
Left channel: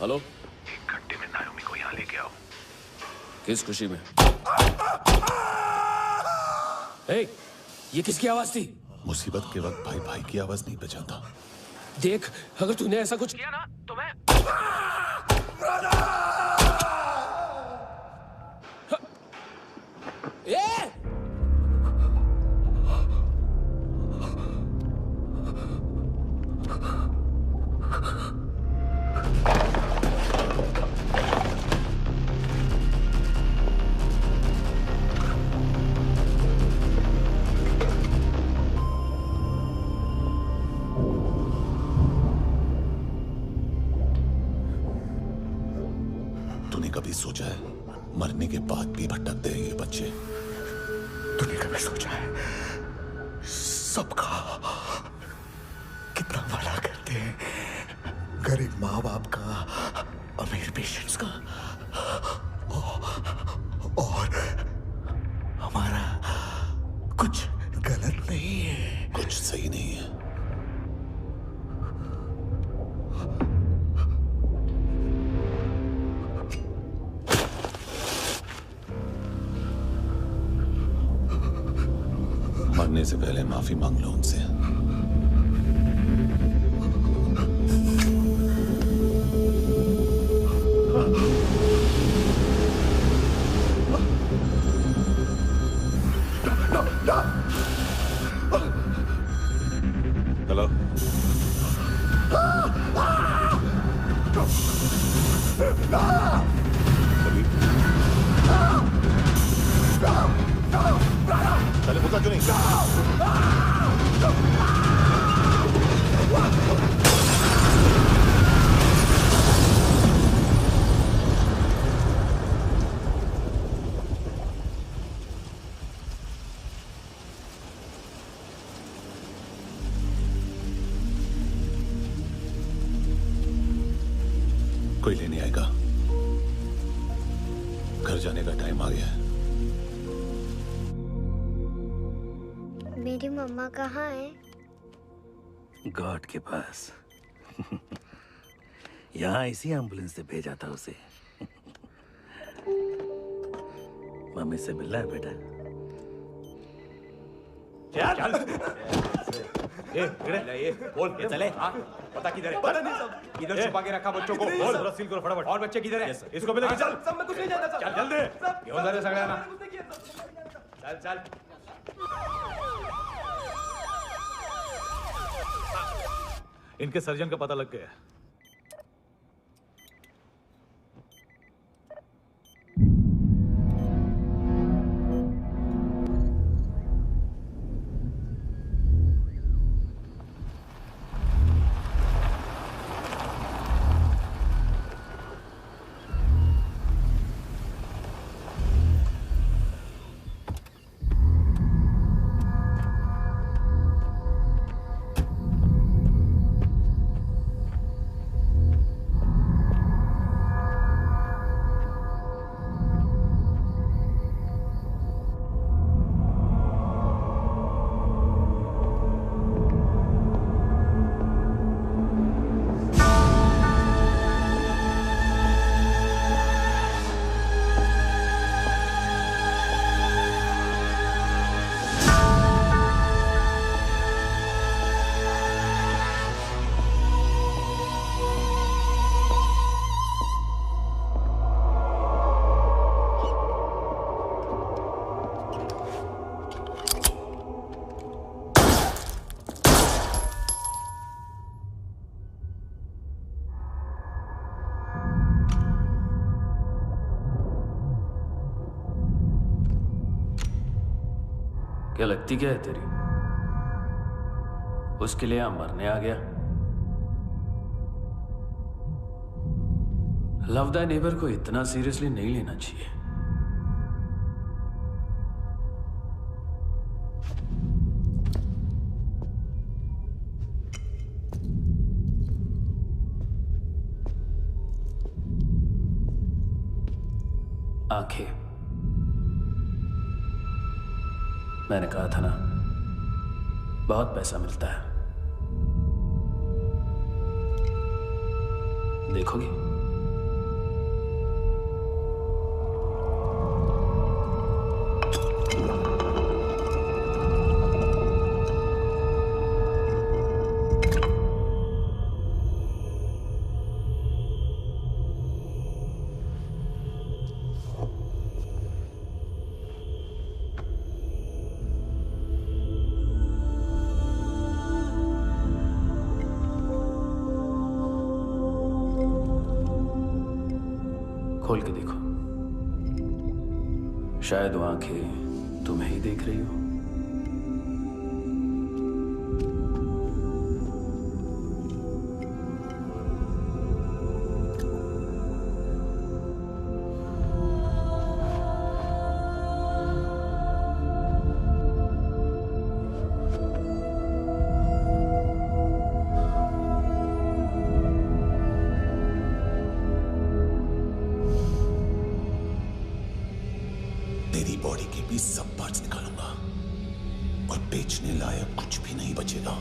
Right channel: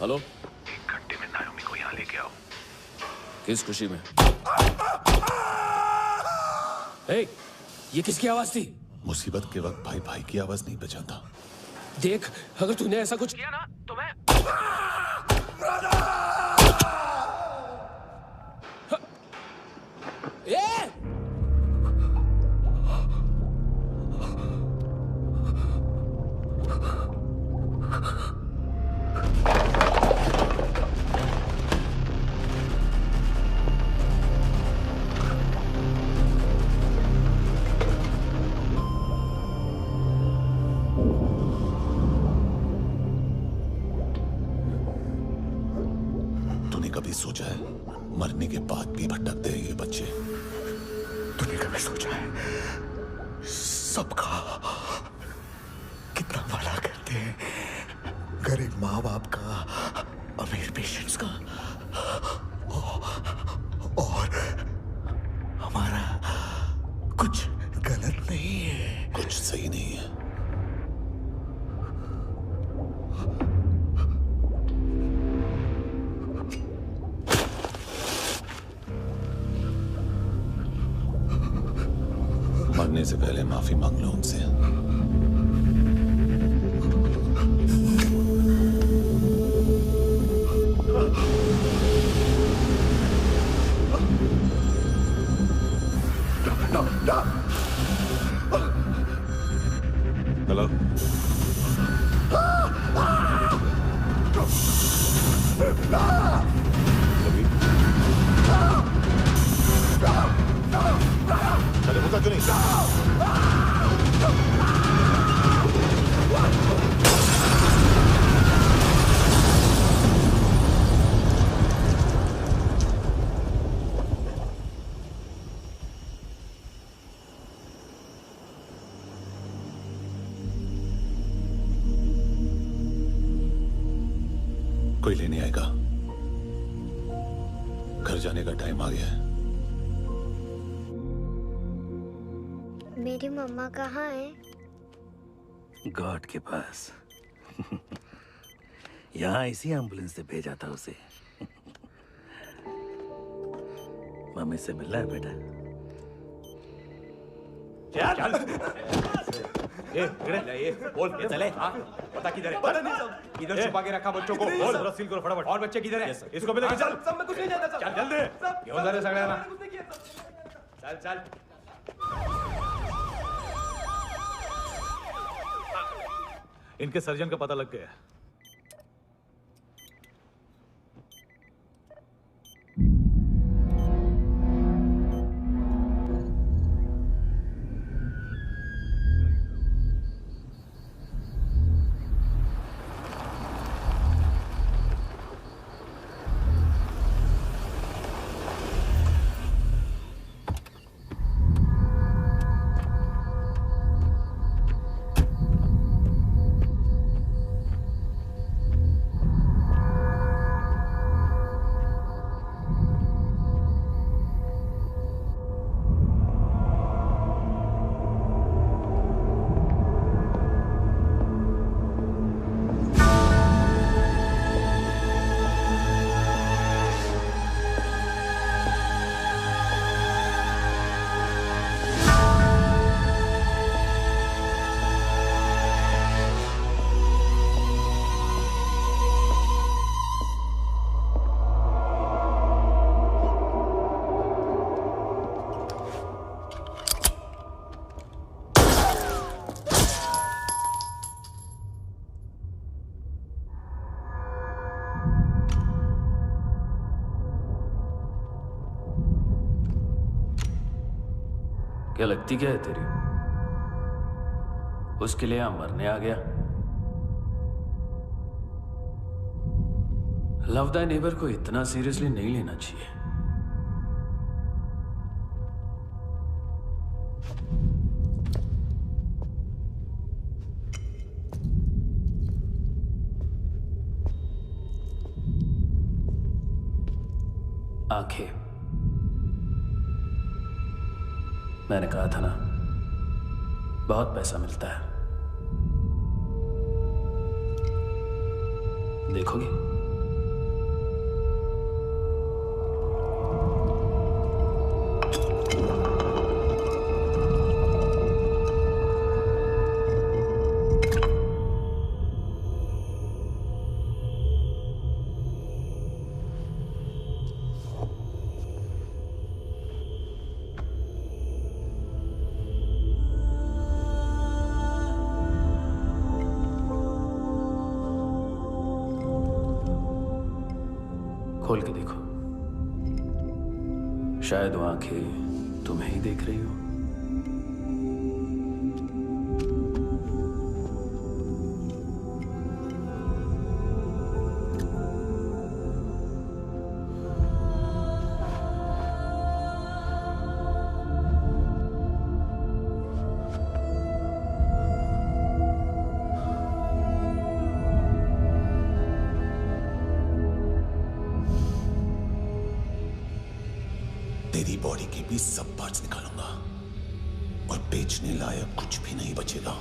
हेलो, 1 घंटे में नायोमी को यहाँ लेके आओ। किस खुशी में? ए, ये किसकी आवाज थी? मुसीबत के वक्त भाई भाई की आवाज नहीं बजाता। देख, अगर तूने ऐसा कुछ किया ना तो मैं ए! तूने कभी सोचा है मरने के बाद भी भटकते हैं ये बच्चे? तूने कभी सोचा है सबका कितना भला करते हैं? गरीब माँ बाप का, अमीर पेशेंट्स का, और हमारा कुछ गलत नहीं है, कुछ सही नहीं है। मरने से पहले माफी मांग लो उनसे। हेलो, चले मुद्दा क्यों नहीं? कोई लेने आएगा। घर जाने का टाइम आ गया है। मेरी मम्मा कहाँ है? गॉड के पास। यहाँ इसी एम्बुलेंस से भेजा था उसे। मम्मी से मिलना है बेटा। चल ये बोल ये चले। हाँ पता किधर है? पता नहीं सब इधर छुपा के रखा बच्चों को। बोल सील करो फटाफट। और बच्चे किधर है? इसको भी लेके चल। सब मैं कुछ नहीं जानता। चल जल्दी घेऊन जा रे सगळ्यांना। चल चल इनके सर्जन का पता लग गया। क्या लगती क्या है तेरी? उसके लिए यहां मरने आ गया? लव द नेबर को इतना सीरियसली नहीं लेना चाहिए। आंखें, मैंने कहा था ना, बहुत पैसा मिलता है। देखोगी? खोल के देखो, शायद वो आंखें तुम्हें ही देख रही हो। तेरी बॉडी के भी सब पार्ट्स निकालूंगा और बेचने लायक कुछ भी नहीं बचेगा।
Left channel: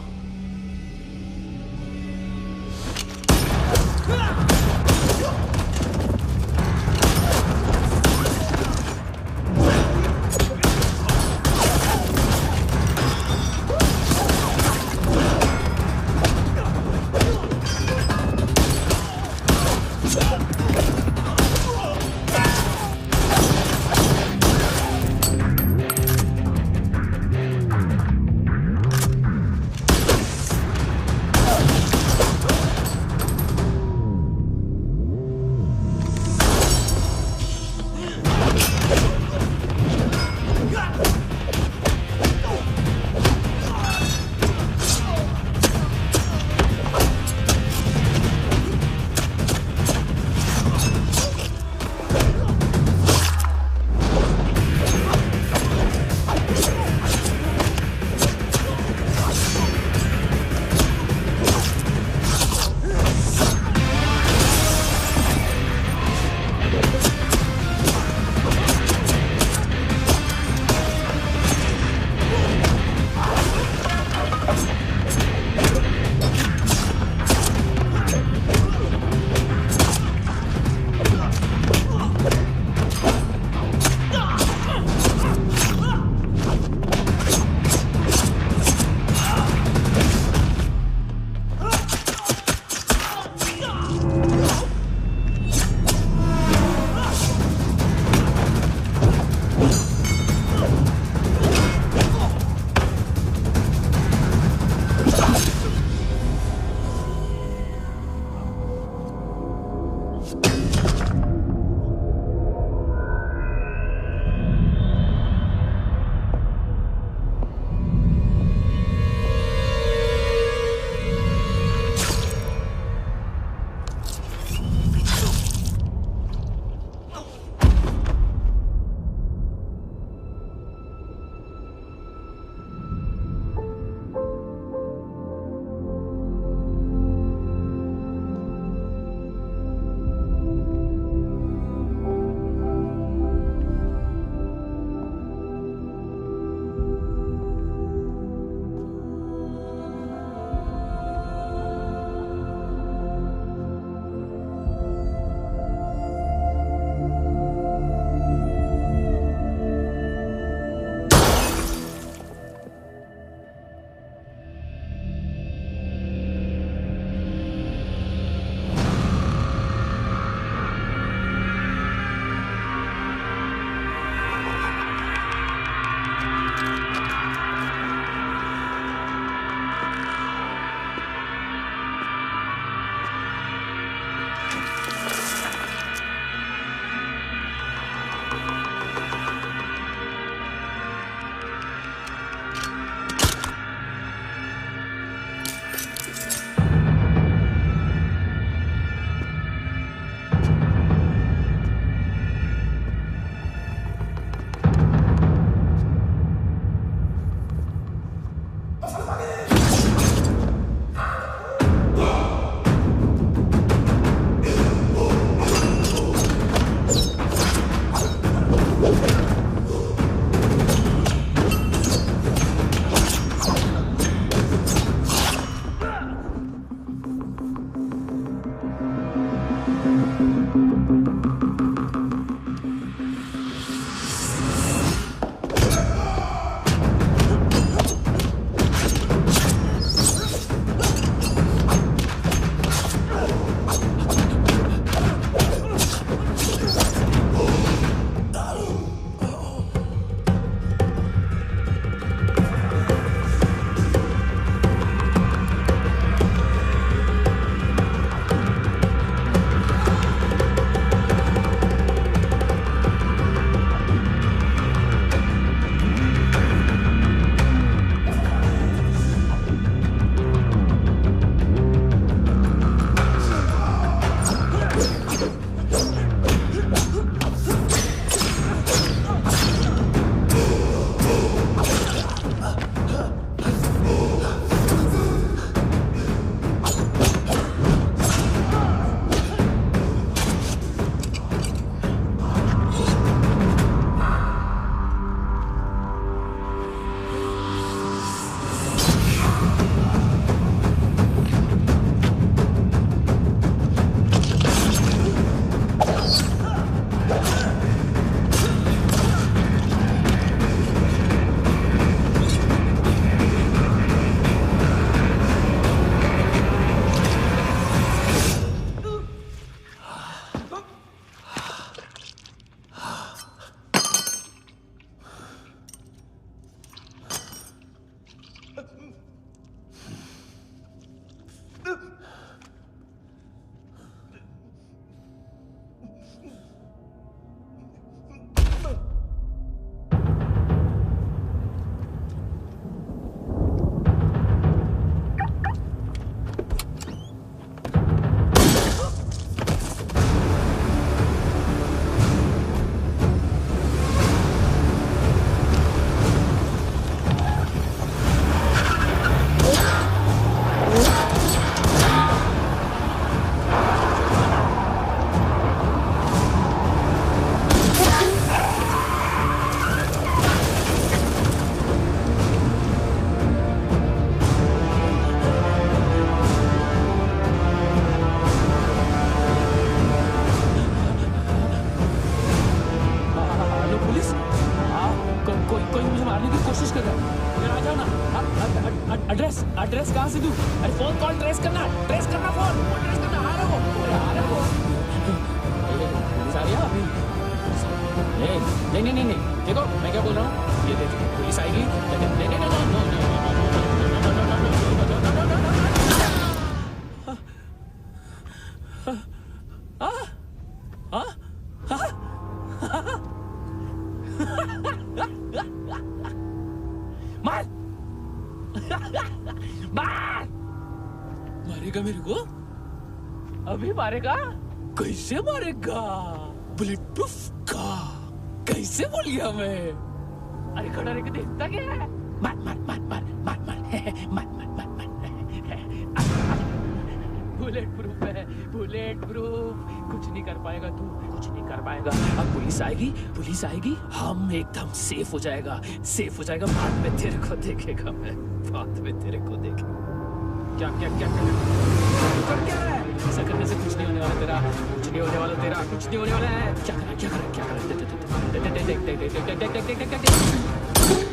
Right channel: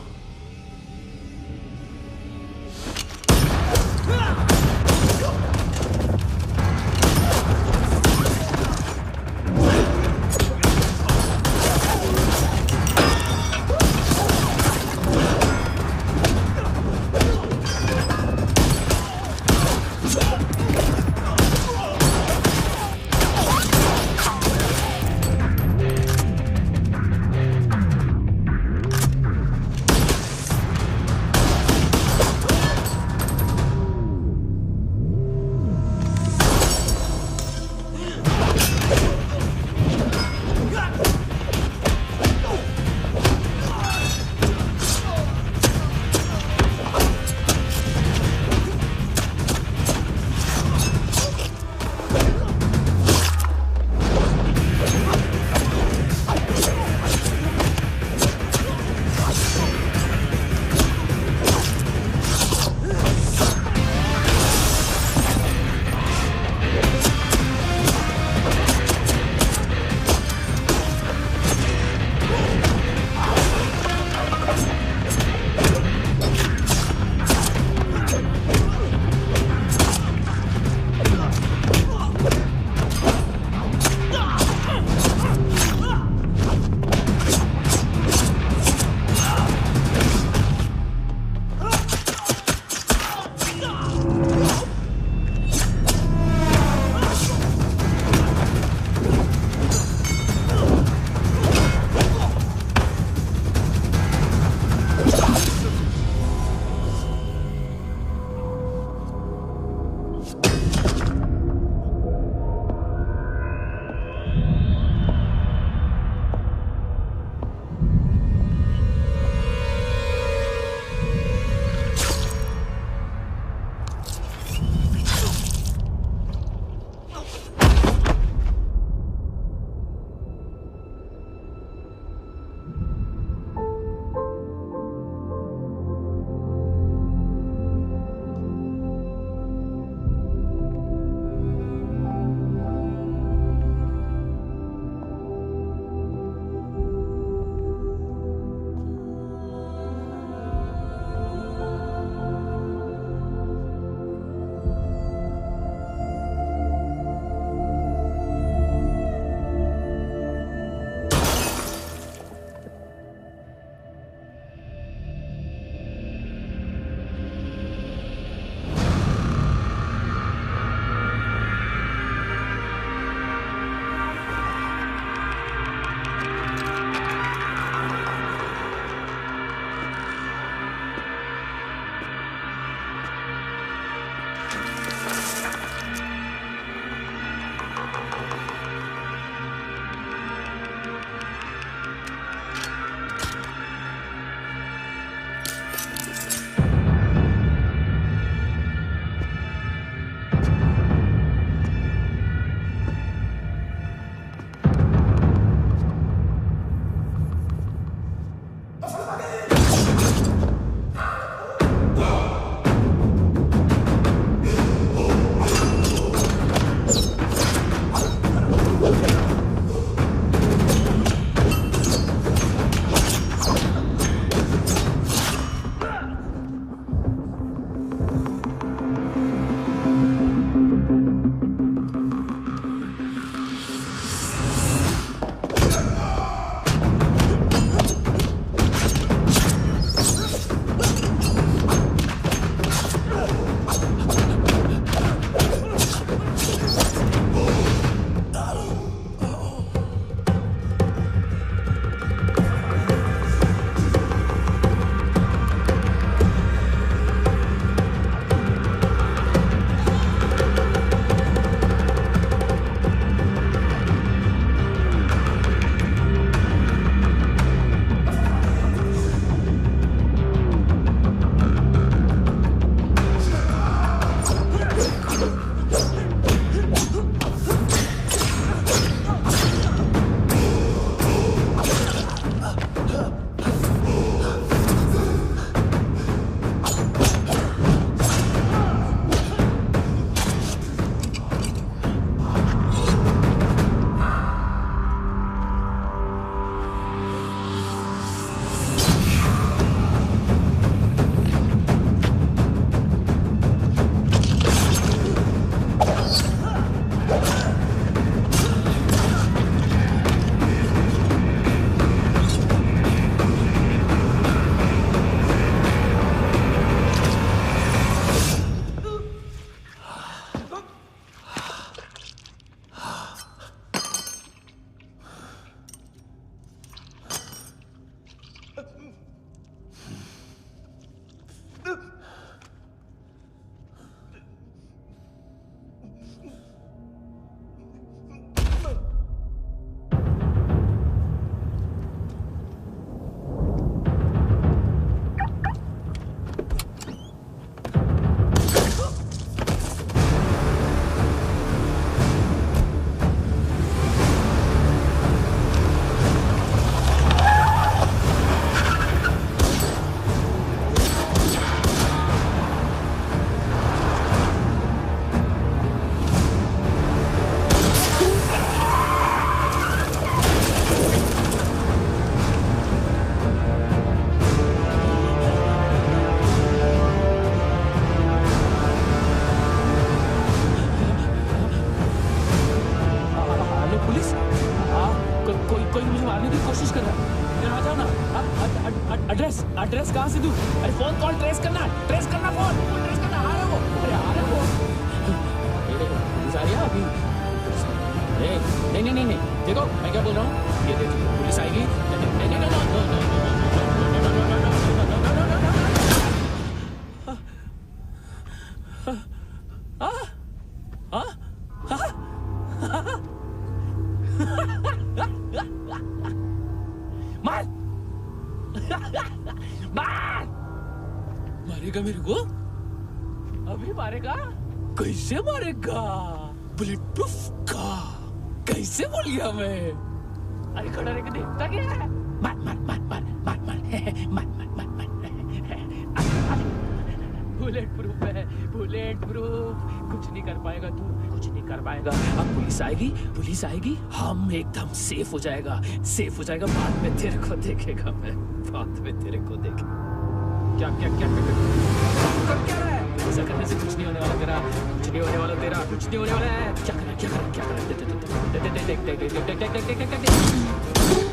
कोई मुझे मारने की कोशिश कर रहा है। इधर आ जाओ ना। एड्रेस कहाँ से दूं? अरे फोन कॉल ट्रेस करना फोन ट्रेस करना। आ रहा वो, अरे आ रहा वो। पुलिस आ रही है अभी। नहीं देखो मैं क्या बोल रहा हूँ, ये देखो पुलिस आएगी। नहीं हाँ हाँ मार मार मारेगा मेरे को अभी मारेगा कैसे मारेगा बुलेट प्रूफ का कैसे बोल गया मैं अरे खड़ा रह के देखता क्या है मार मार मार मार मार मार मार मार मार मार बुलेट प्रूफ है बुलेट प्रूफ कुछ नहीं कर पाएगा तू कुछ नहीं कर पाएगा अब पुलिस आएगी हम एकदम सेफ हो जाएगा बाद में तेरे को देखेगा मैं बाद में तेरे को देखेगा क्या क्या क्या कर क्या रहा है ऐसा करने से कुछ नहीं होने वाला तेरा कुछ नहीं होने वाला है क्या करा देख